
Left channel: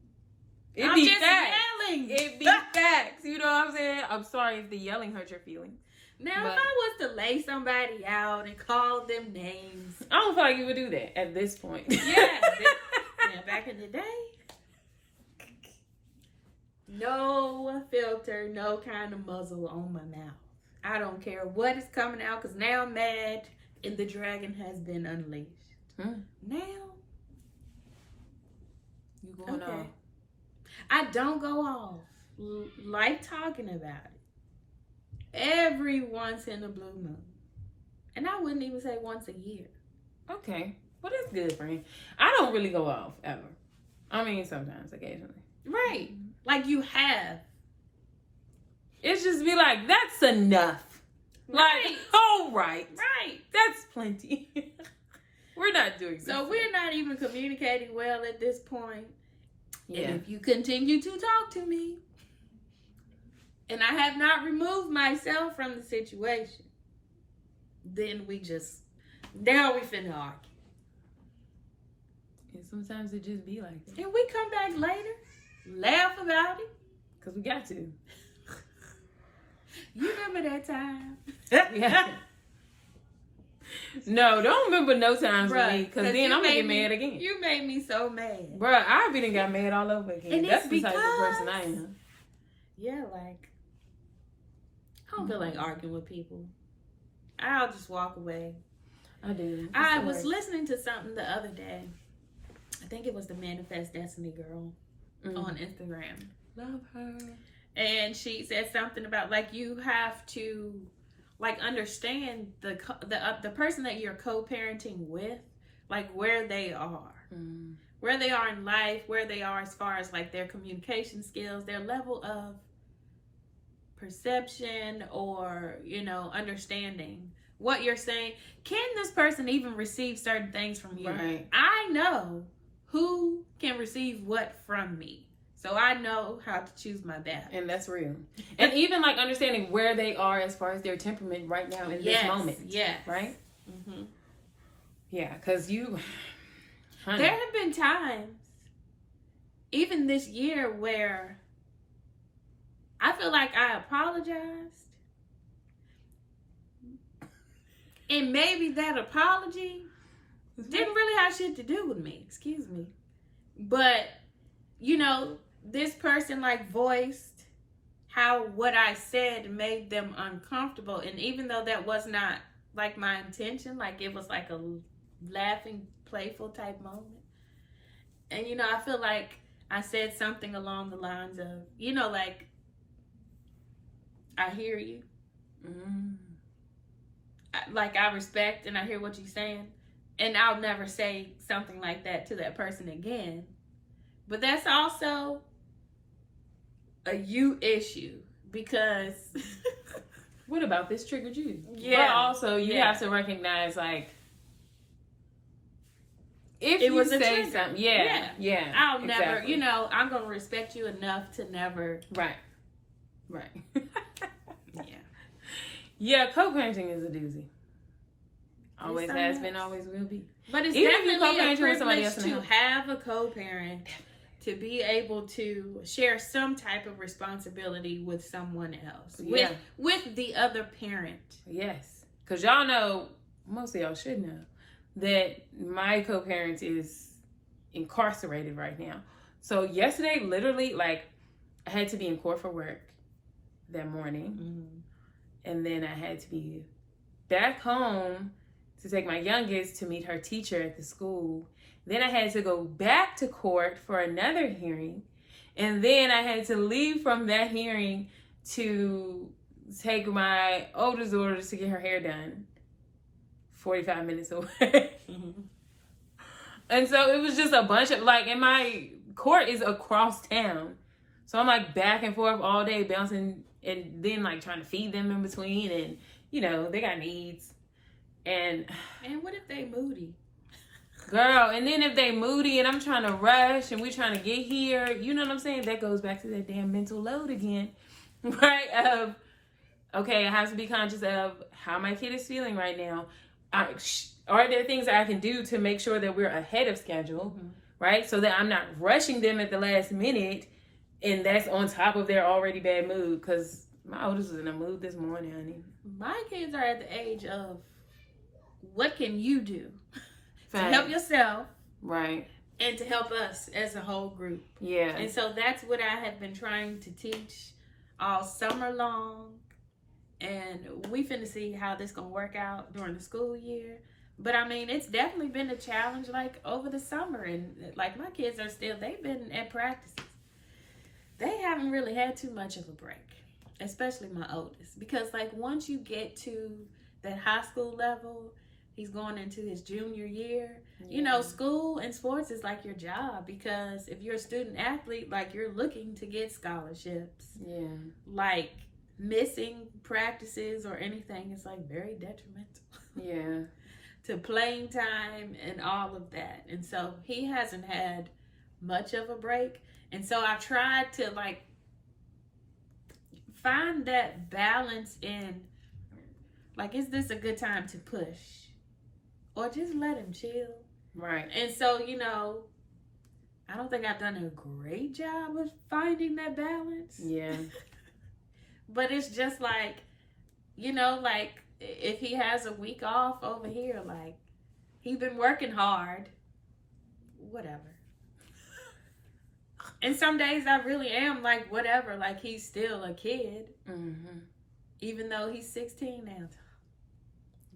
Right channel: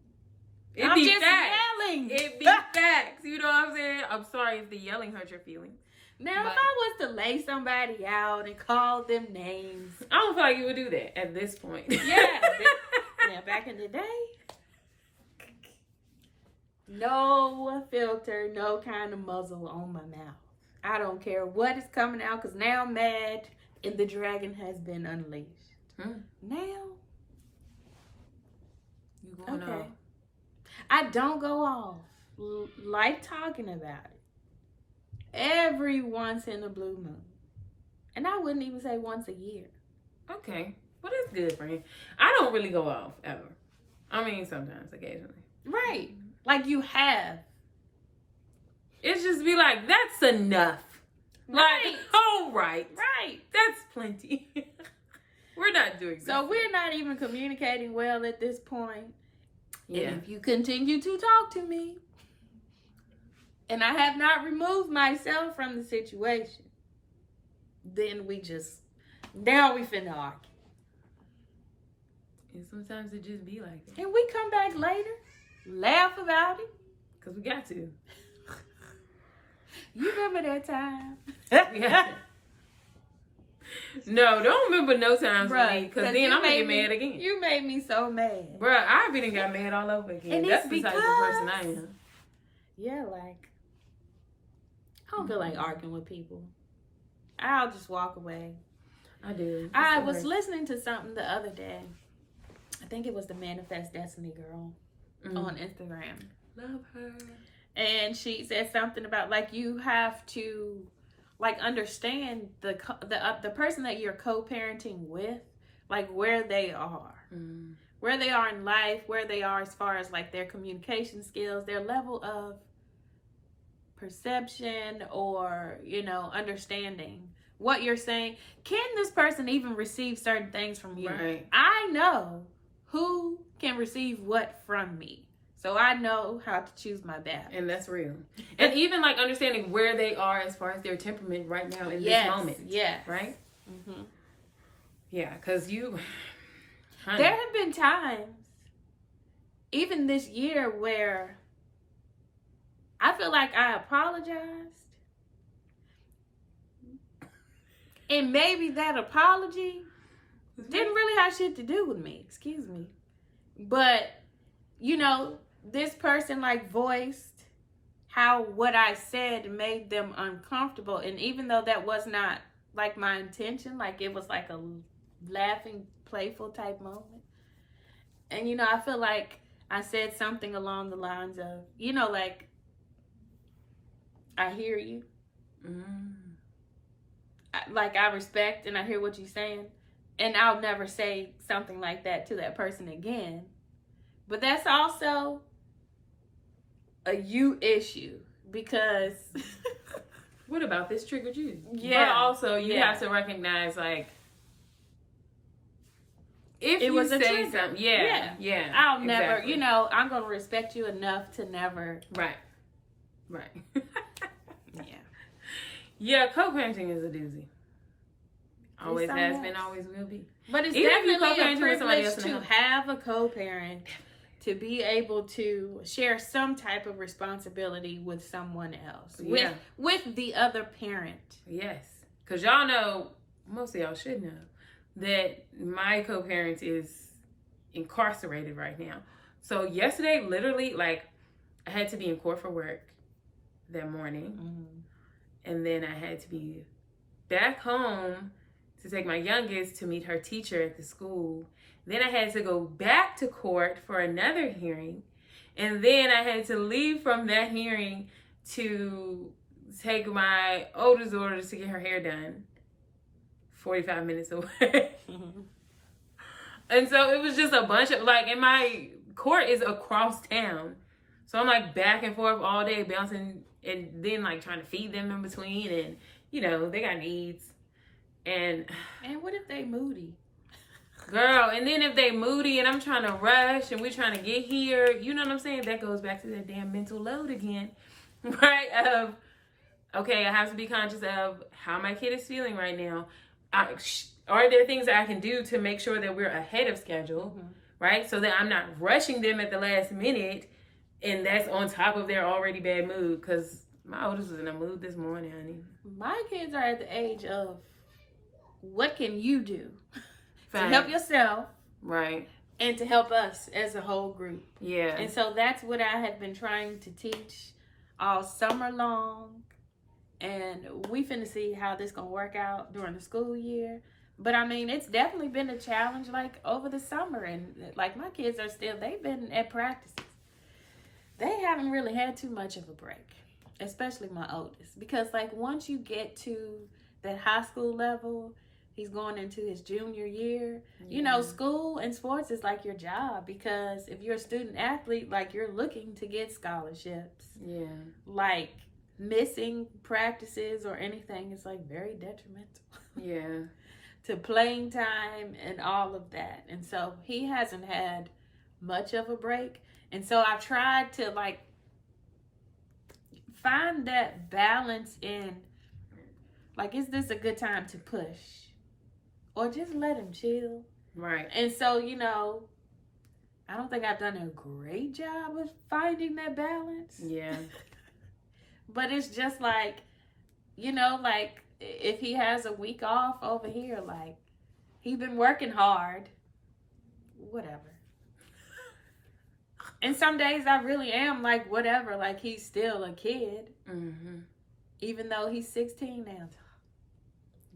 It be just facts. Yelling. It be facts. You know what I'm saying? I'm sorry if the yelling hurt your feelings. Now, if I was to lay somebody out and call them names, I don't feel like you would do that at this point. Yeah, back in the day, no filter, no kind of muzzle on my mouth. I don't care what is coming out, because now I'm mad and the dragon has been unleashed. Now, you going off? I don't go off. Like talking about it. Every once in a blue moon. And I wouldn't even say once a year. Okay. Well, that's good, friend. I don't really go off, ever. I mean, sometimes, occasionally. Right. Like you have. It's just be like, that's enough. Like, all right. Right. That's plenty. We're not doing this. So we're not even communicating well at this point. Yeah. And if you continue to talk to me, and I have not removed myself from the situation, then now we finna argue. And sometimes it just be like that. And we come back later, laugh about it. Because we got to. You remember that time? Yeah. No, don't remember no times with me, because then I'm going to get mad again. You made me so mad. Bruh, I really got mad all over again. And that's the type of person I am. Yeah, like, I don't feel like arguing with people. I'll just walk away. I do. I was listening to something the other day. I think it was the Manifest Destiny girl on Instagram. Love her. And she said something about, like, you have to, like, understand the person that you're co-parenting with, like, where they are. Where they are in life, where they are as far as, like, their communication skills, their level of perception or, understanding what you're saying. Can this person even receive certain things from you? Right. I know who can receive what from me. So I know how to choose my battle. And that's real. And even like understanding where they are as far as their temperament right now in this moment. Yeah. Right? Mm-hmm. Yeah, because honey. There have been times, even this year, where I feel like I apologized. And maybe that apology didn't really have shit to do with me. Excuse me. But, this person like voiced how what I said made them uncomfortable. And even though that was not like my intention, like it was like a laughing, playful type moment. And, I feel like I said something along the lines of, like, I hear you. I respect and I hear what you're saying. And I'll never say something like that to that person again. But that's also a you issue, because what about this triggered you? Yeah. But also you have to recognize, like, if it you was say something, yeah, I'll never, I'm going to respect you enough to never. Right. Yeah. Yeah, co-parenting is a doozy. Always has been, always will be. But it's even definitely if you co-parenting with somebody else to have a co-parent, to be able to share some type of responsibility with someone else, with the other parent. Yes, because y'all know, most of y'all should know, that my co-parent is incarcerated right now. So yesterday, literally, like, I had to be in court for work that morning. And then I had to be back home to take my youngest to meet her teacher at the school. Then I had to go back to court for another hearing. And then I had to leave from that hearing to take my oldest daughter to get her hair done 45 minutes away. And so it was just a bunch of, like, and my court is across town. So I'm like back and forth all day bouncing, and then like trying to feed them in between, and they got needs. And what if they moody? Girl, and then if they moody and I'm trying to rush and we're trying to get here, you know what I'm saying? That goes back to that damn mental load again. Right? Okay, I have to be conscious of how my kid is feeling right now. Are there things that I can do to make sure that we're ahead of schedule, right? So that I'm not rushing them at the last minute, and that's on top of their already bad mood. Because my oldest was in a mood this morning, honey. My kids are at the age of, what can you do to help yourself, right, and to help us as a whole group? Yeah. And so that's what I have been trying to teach all summer long. And we finna see how this gonna work out during the school year. But I mean, it's definitely been a challenge, like, over the summer. And like, my kids are still, they've been at practices. They haven't really had too much of a break, especially my oldest. Because like, once you get to that high school level, he's going into his junior year. School and sports is like your job, because if you're a student athlete, like, you're looking to get scholarships. Yeah. Like, missing practices or anything is like very detrimental. Yeah. To playing time and all of that. And so he hasn't had much of a break. And so I tried to like find that balance in like, is this a good time to push? Or just let him chill. Right. And so, you know, I don't think I've done a great job of finding that balance. Yeah. But it's just like, you know, like if he has a week off over here, like he's been working hard, whatever. And some days I really am like, whatever, like he's still a kid. Mm-hmm. Even though he's 16 now.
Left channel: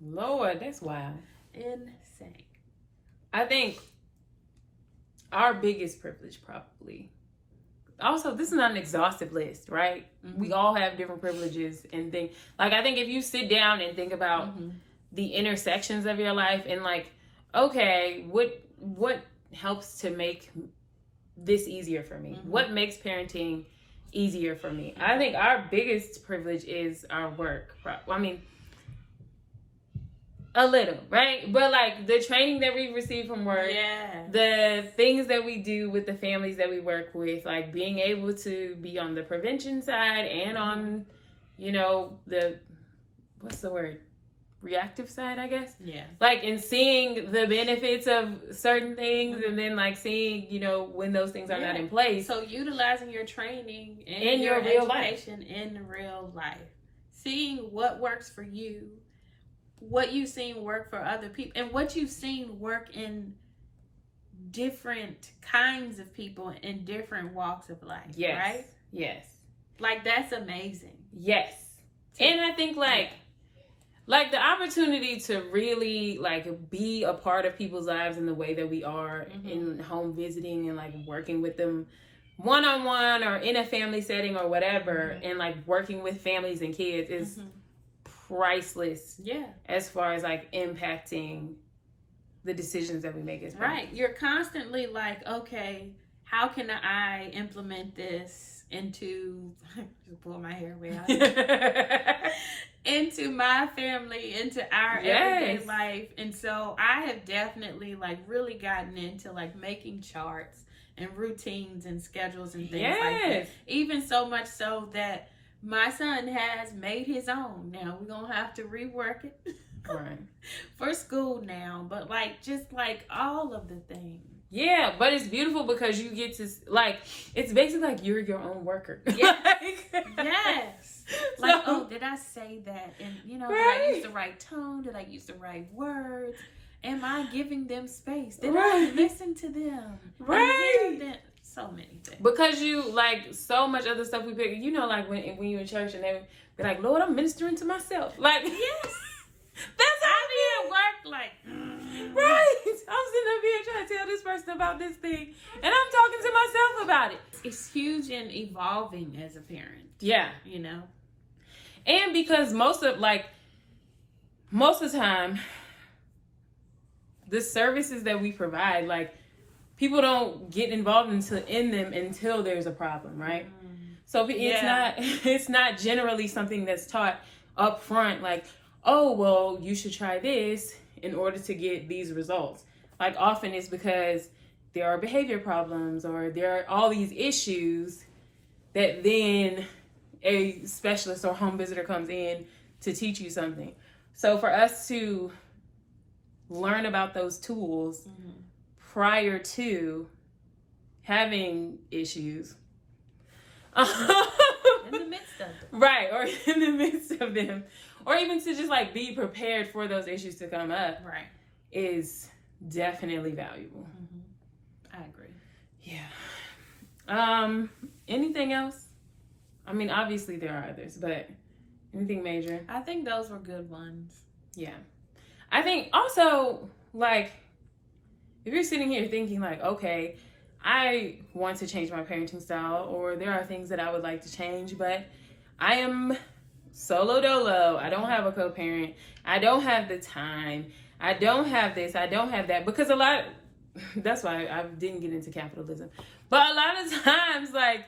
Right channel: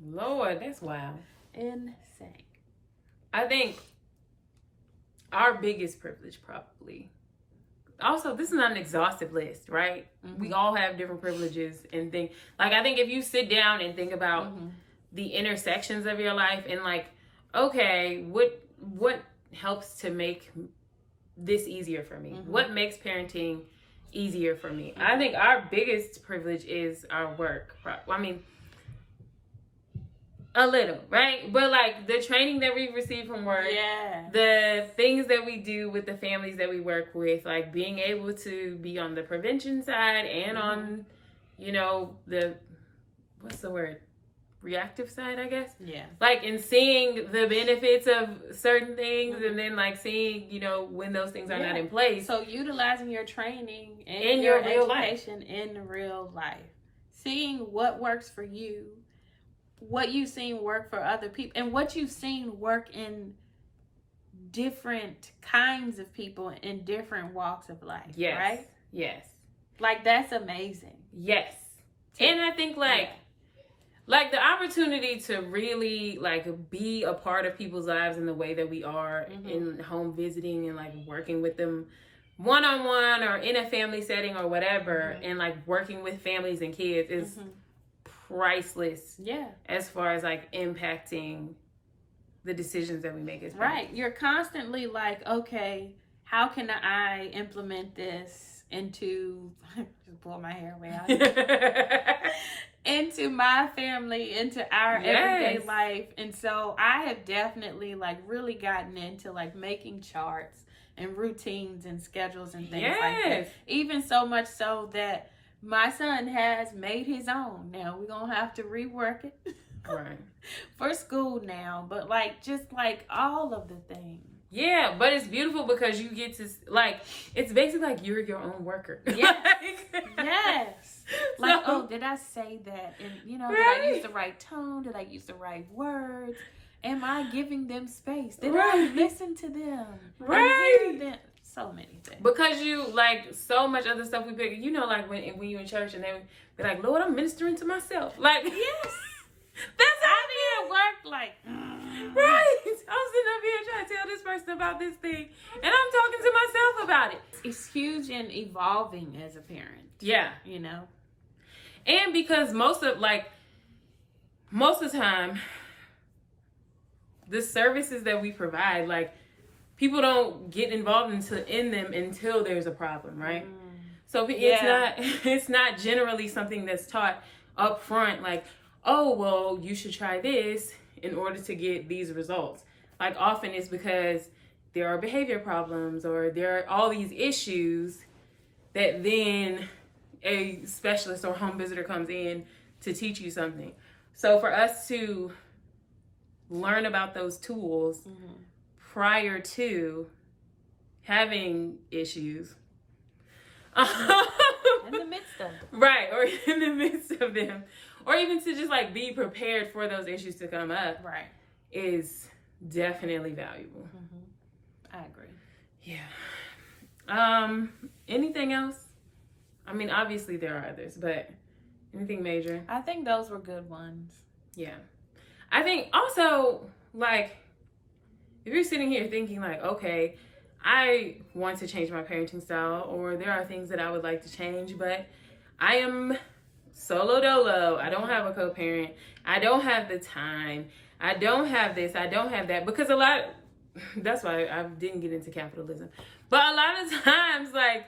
Lord, that's wild. Insane. I think our biggest privilege probably, also this is not an exhaustive list, right? Mm-hmm. We all have different privileges and things. Like I think if you sit down and think about the intersections of your life and like, okay, what helps to make this easier for me? Mm-hmm. What makes parenting easier for me? Mm-hmm. I think our biggest privilege is our work. I mean, a little, right? But like the training that we receive from work, the things that we do with the families that we work with, like being able to be on the prevention side and on, you know, the, what's the word? Reactive side, I guess. Yeah. Like in seeing the benefits of certain things and then like seeing, you know, when those things are not in place. So utilizing your training and in your real life. In real life. Seeing what works for you, what you've seen work for other people, and what you've seen work in different kinds of people in different walks of life. Yes. Right? Yes. Like that's amazing. Yes. And I think like the opportunity to really like be a part of people's lives in the way that we are in home visiting and like working with them one-on-one or in a family setting or whatever, and like working with families and kids is priceless. Yeah. As far as like impacting the decisions that we make as parents. Right. You're constantly like, okay, how can I implement this into just pull my hair way out. Into my family, into our everyday life. And so I have definitely like really gotten into like making charts and routines and schedules and things like that. Even so much so that my son has made his own. Now we're gonna have to rework it for school now. But like just like all of the things. Yeah, but it's beautiful because you get to like it's basically like you're your own worker. Yes. Like, oh, did I say that? And you know, did I use the right tone? Did I use the right words? Am I giving them space? Did I listen to them? So many things. Because you like so much other stuff we pick. You know, like when you're in church and they be like, Lord, I'm ministering to myself. Like, yes. That's how I be at work like, right. I'm sitting up here trying to tell this person about this thing, and I'm talking to myself about it. It's huge in evolving as a parent. Yeah. You know? And because most of the time, the services that we provide, like, people don't get involved in them until there's a problem, right? So it's not generally something that's taught up front, like, oh, well, you should try this in order to get these results. Like often it's because there are behavior problems or there are all these issues that then a specialist or home visitor comes in to teach you something. So for us to learn about those tools prior to having issues. In the midst of them. Right, or in the midst of them. Or even to just like be prepared for those issues to come up. Right. Is definitely valuable. I agree. Yeah. Anything else? I mean, obviously there are others, but anything major? I think those were good ones. Yeah. I think also, like, if you're sitting here thinking like, okay, I want to change my parenting style, or there are things that I would like to change, but I am solo dolo. I don't have a co-parent. I don't have the time. I don't have this. I don't have that. Because that's why I didn't get into capitalism. But a lot of times, like,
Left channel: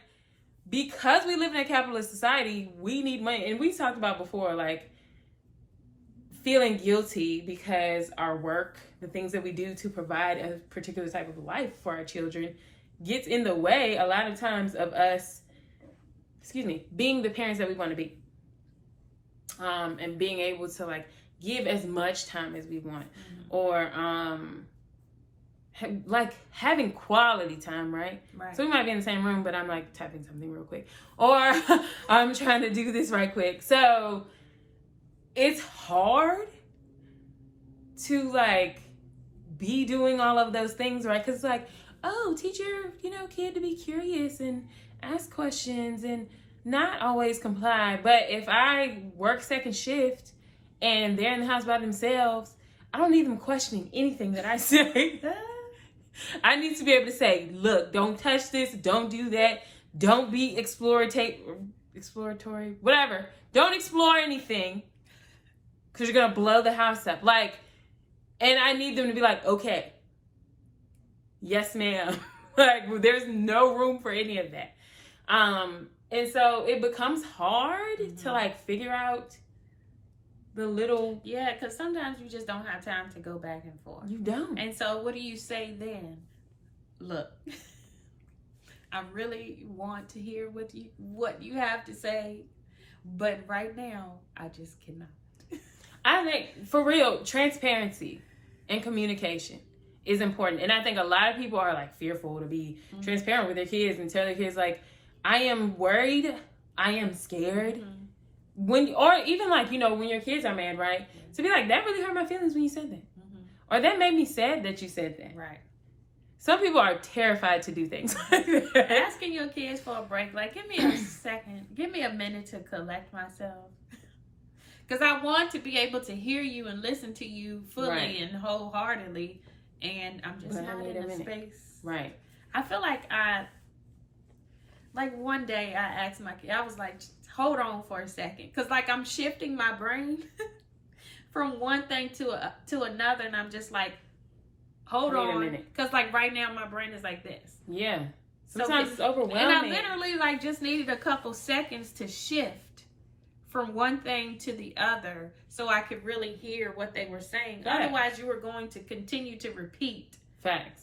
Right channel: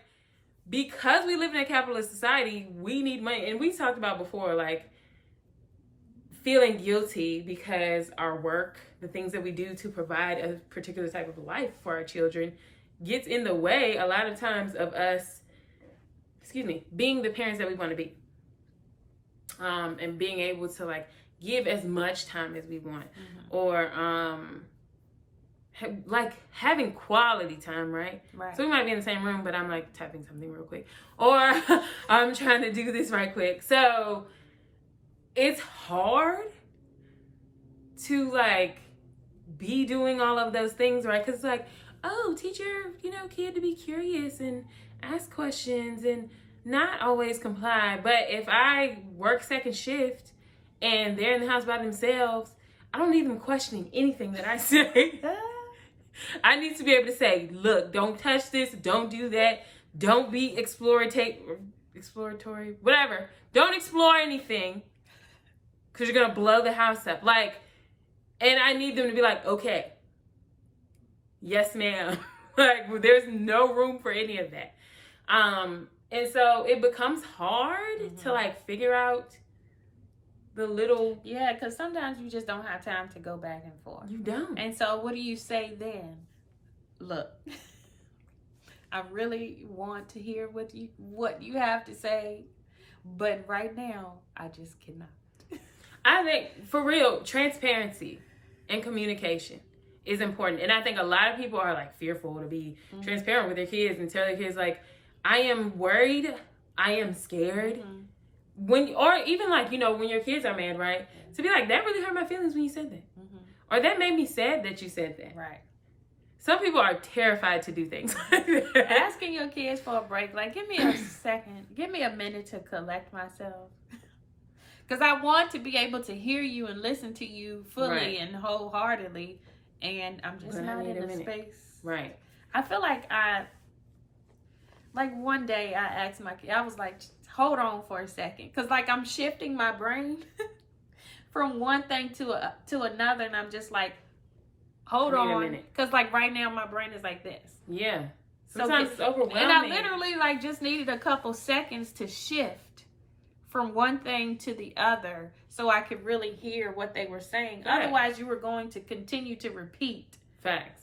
because we live in a capitalist society, we need money. And we talked about before, like, feeling guilty because our work, the things that we do to provide a particular type of life for our children, gets in the way a lot of times of us, being the parents that we want to be. And being able to, like, give as much time as we want. Or, like, having quality time, right? So we might be in the same room, but I'm, like, typing something real quick. Or I'm trying to do this right quick. So it's hard to, like, be doing all of those things, right? Because, like, oh, teach your, kid to be curious and ask questions and not always comply. But if I work second shift and they're in the house by themselves, I don't need them questioning anything that I say. I need to be able to say, look, don't touch this, don't do that, don't be exploratory, whatever. Don't explore anything because you're going to blow the house up. Like, and I need them to be like, okay, yes, ma'am. Like, there's no room for any of that. And so it becomes hard to, like, figure out the little... Yeah, because sometimes you just don't have time to go back and forth. You don't. And so what do you say then? Look, I really want to hear what you have to say, but right now, I just cannot. I think, for real, transparency and communication is important. And I think a lot of people are, like, fearful to be transparent with their kids and tell their kids, like, I am worried, I am scared. Or even, like, when your kids are mad, right? To be like, that really hurt my feelings when you said that. Or that made me sad that you said that. Right. Some people are terrified to do things like that. Asking your kids for a break, like, give me a second, give me a minute to collect myself. Because I want to be able to hear you and listen to you fully and wholeheartedly. And I'm just not in a space. Right. I feel like one day I asked my kid, I was like, hold on for a second. Because, like, I'm shifting my brain from one thing to another. And I'm just like, hold on. A minute. Because, like, right now my brain is like this. Yeah. Sometimes it's overwhelming. And I literally, like, just needed a couple seconds to shift from one thing to the other so I could really hear what they were saying. Facts. Otherwise, you were going to continue to repeat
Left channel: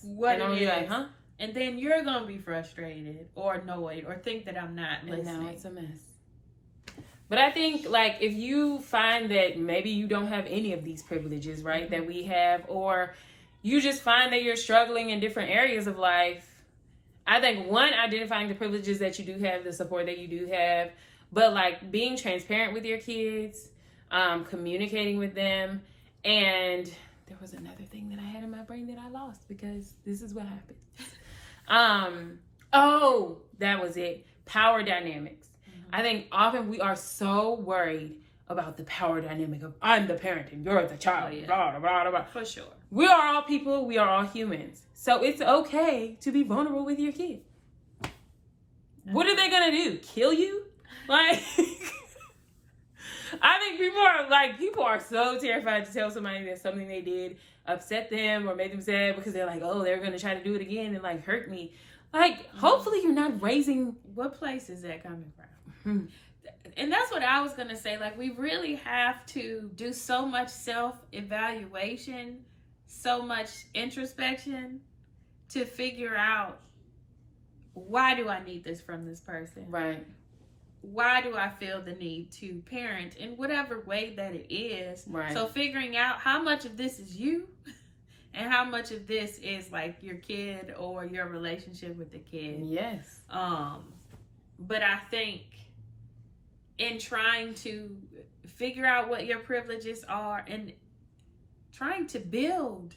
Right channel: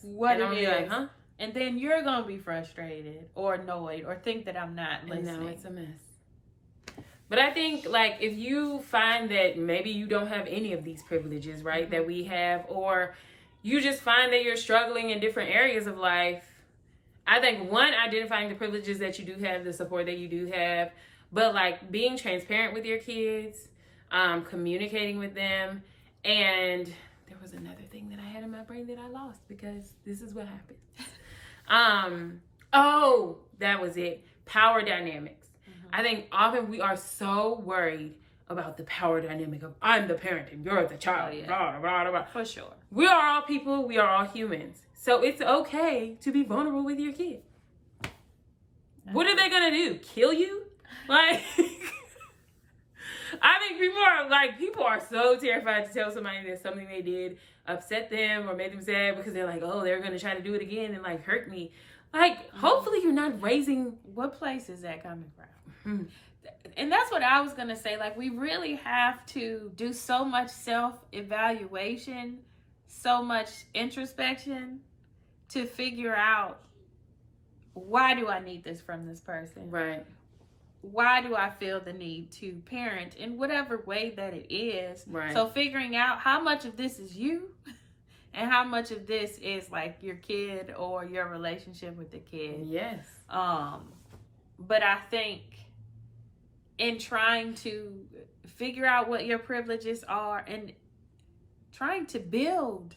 what it is. Like, huh? And then you're going to be frustrated or annoyed or think that I'm not listening. And now it's a mess. But I think, like, if you find that maybe you don't have any of these privileges, right, that we have, or you just find that you're struggling in different areas of life, I think, one, identifying the privileges that you do have, the support that you do have, but, like, being transparent with your kids, communicating with them, and there was another thing that I had in my brain that I lost because this is what happened. That was it. Power dynamics. I think often we are so worried about the power dynamic of I'm the parent and you're the child. Blah, blah, blah, blah. For sure. We are all people. We are all humans. So it's okay to be vulnerable with your kid. What are they going to do? Kill you? Like, I think people are so terrified to tell somebody that something they did upset them or made them sad because they're like, oh, they're going to try to do it again and, like, hurt me. Like, hopefully you're not raising... What place is that coming from? And that's what I was going to say. Like, we really have to do so much self-evaluation, so much introspection to figure out, why do I need this from this person? Right. Why do I feel the need to parent in whatever way that it is? Right. So figuring out how much of this is you and how much of this is, like, your kid or your relationship with the kid. Yes. But I think in trying to figure out what your privileges are and trying to build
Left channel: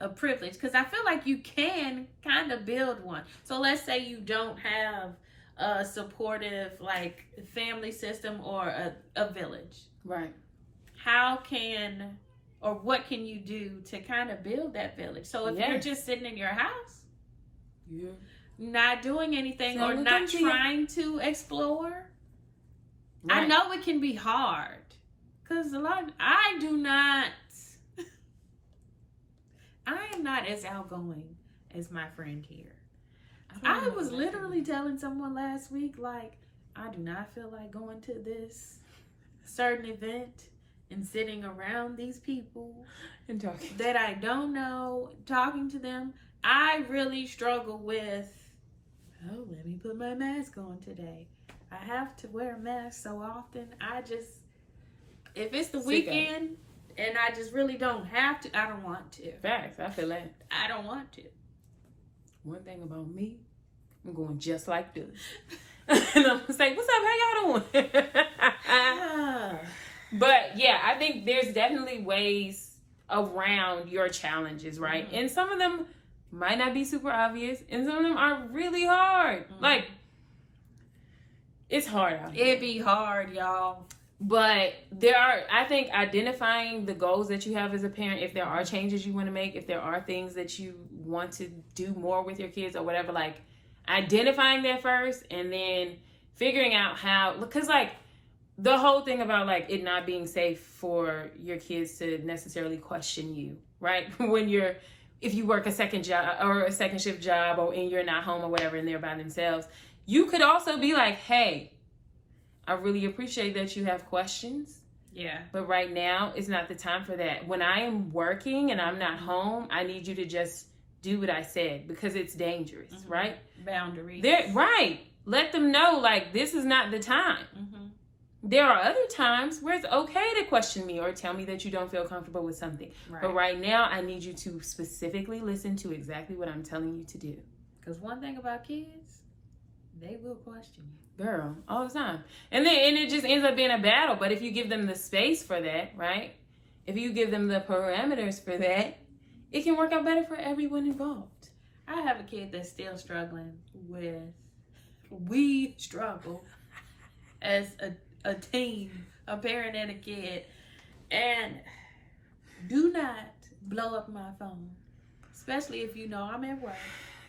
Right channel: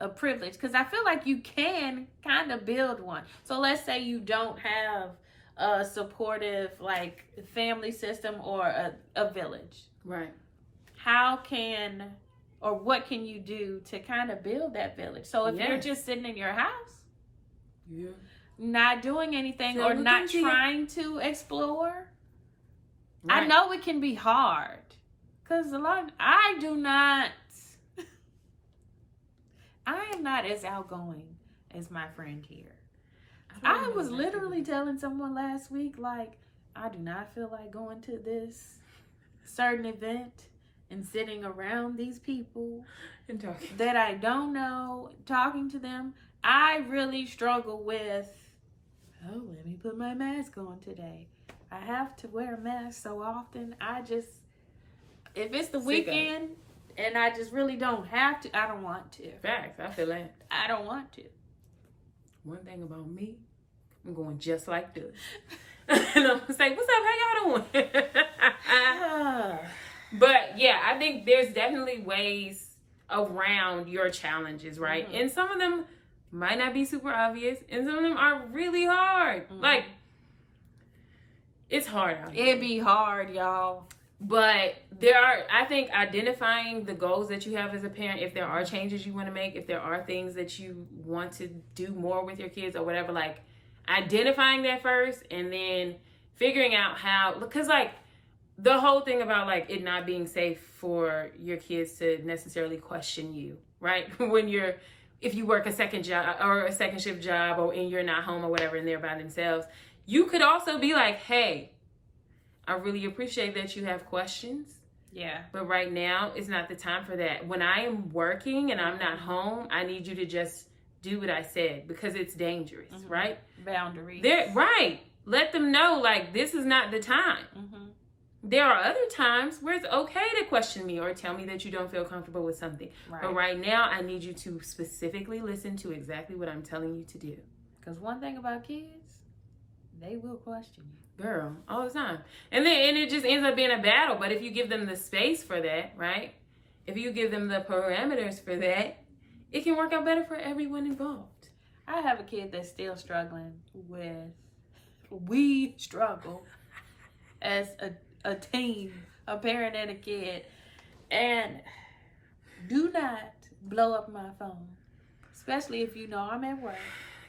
a privilege, because I feel like you can kind of build one. So let's say you don't have a supportive, like, family system or a village. Right. What can you do to kind of build that village? So if you're just sitting in your house, not doing anything or not trying to explore, I know it can be hard. Because I am not as outgoing as my friend here. I was literally telling someone last week, like, I do not feel like going to this certain event and sitting around these people and talking that I don't know, talking to them. I really struggle with, oh, let me put my mask on today. I have to wear a mask so often. If it's the weekend and I just really don't have to, I don't want to. Facts, I feel that. I don't want to. One thing about me, I'm going just like this. And I'm going to say, what's up, how y'all doing? But yeah, I think there's definitely ways around your challenges, right? Mm-hmm. And some of them might not be super obvious, and some of them are really hard. Mm-hmm. Like, it's hard out here. It'd be hard, y'all. But I think identifying the goals that you have as a parent, if there are changes you want to make, if there are things that you want to do more with your kids or whatever, like identifying that first and then figuring out how, because like the whole thing about like it not being safe for your kids to necessarily question you, right? If you work a second job or a second shift job and you're not home or whatever and they're by themselves, you could also be like, hey, I really appreciate that you have questions. Yeah. But right now, it's not the time for that. When I am working and I'm not home, I need you to just do what I said because it's dangerous, mm-hmm. right? Boundaries. Right. Let them know, like, this is not the time. Mm-hmm. There are other times where it's okay to question me or tell me that you don't feel comfortable with something. Right. But right now, I need you to specifically listen to exactly what I'm telling you to do. Because one thing about kids, they will question you. Girl, all the time. And it just ends up being a battle. But if you give them the space for that, right? If you give them the parameters for that, it can work out better for everyone involved. I have a kid that's still struggling with, we struggle as a team, a parent and a kid. And do not blow up my phone. Especially if you know I'm at work.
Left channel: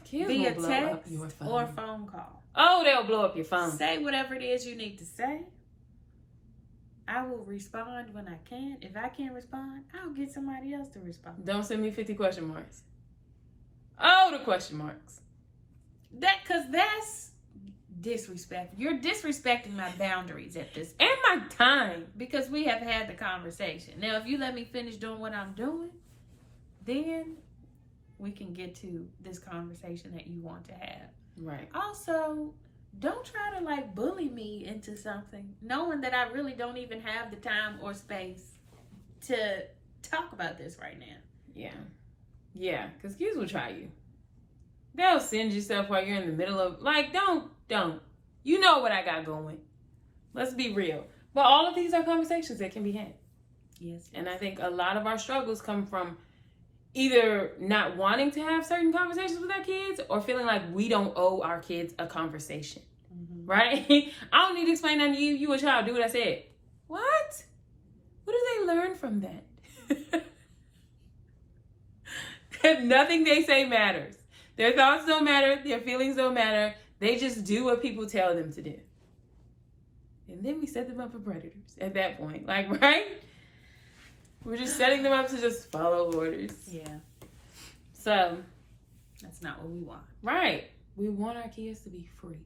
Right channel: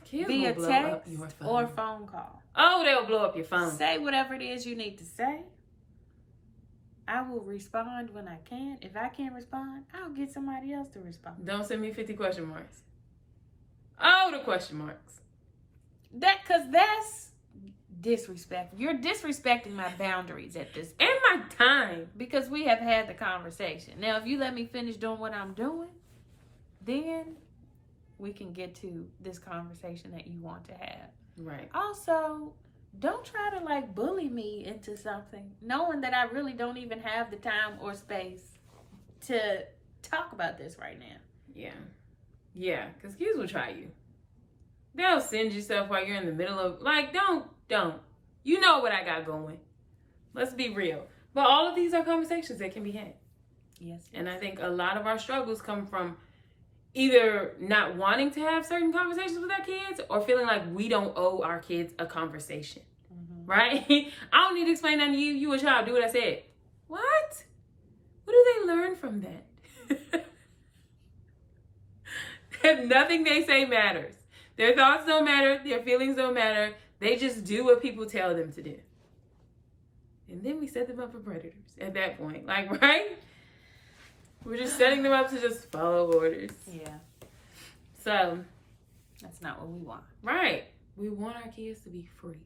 Kids will blow up your phone. Or phone call. Oh, they'll blow up your phone. Say whatever it is you need to say. I will respond when I can. If I can't respond, I'll get somebody else to respond. Don't send me 50 question marks. Oh, the question marks. Because that's disrespect. You're disrespecting my boundaries at this point. And my time. Because we have had the conversation. Now, if you let me finish doing what I'm doing, then we can get to this conversation that you want to have. Right. Also, don't try to like bully me into something, knowing that I really don't even have the time or space to talk about this right now. Yeah. Yeah, because kids will try you. They'll send you stuff while you're in the middle of, like, don't. You know what I got going. Let's be real. But all of these are conversations that can be had. Yes. And I think a lot of our struggles come from either not wanting to have certain conversations with our kids or feeling like we don't owe our kids a conversation. Mm-hmm. Right? I don't need to explain that to you. You a child. Do what I said. What? What do they learn from that? Nothing they say matters. Their thoughts don't matter. Their feelings don't matter. They just do what people tell them to do. And then we set them up for predators at that point. Like, right? We're just setting them up to just follow orders. Yeah. So. That's not what we want. Right. We want our kids to be free.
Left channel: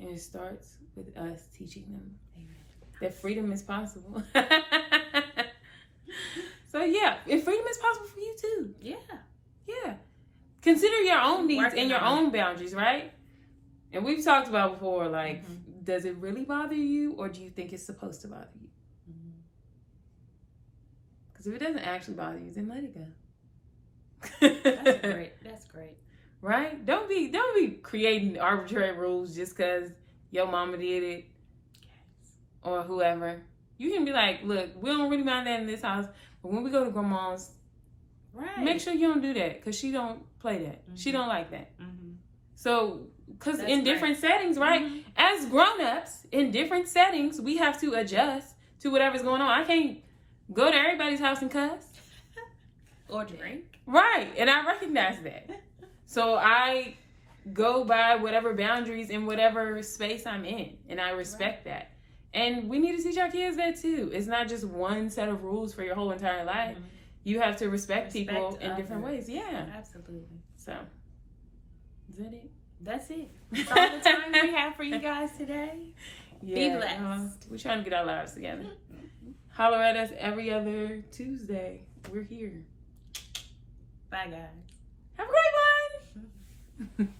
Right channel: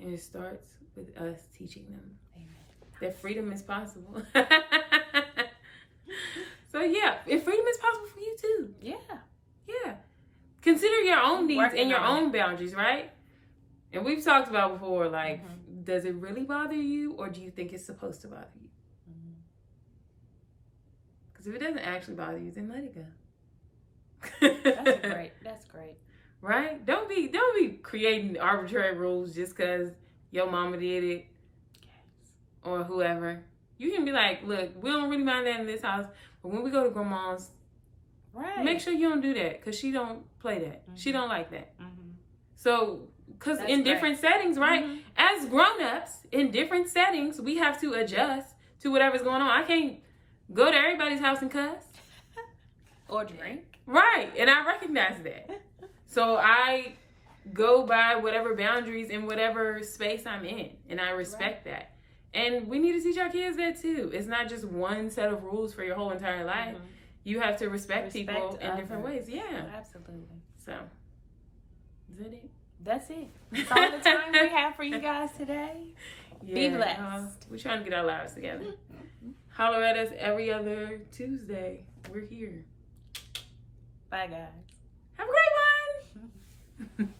And it starts with us teaching them that freedom is possible. So, yeah. If freedom is possible for you, too. Yeah. Yeah. Consider your own needs and your own boundaries, right? And we've talked about before, like, mm-hmm. does it really bother you or do you think it's supposed to bother you? Because if it doesn't actually bother you, then let it go. That's great. Right? Don't be creating arbitrary rules just because your mama did it or whoever. You can be like, look, we don't really mind that in this house, but when we go to grandma's, right, make sure you don't do that because she don't play that. Mm-hmm. She don't like that. Mm-hmm. So, because in different settings, right? Mm-hmm. As grown-ups, in different settings, we have to adjust to whatever's going on. I can't go to everybody's house and cuss. Or drink. Right. And I recognize that. So I go by whatever boundaries in whatever space I'm in. And I respect that. And we need to teach our kids that too. It's not just one set of rules for your whole entire life. Mm-hmm. You have to respect people in different ways. Yeah. Absolutely. So, is that it? that's it. That's all the time we have for you guys today. Yeah, be blessed. We're trying to get our lives together. Holler at us every other Tuesday. We're here. Bye, guys. Have a great one.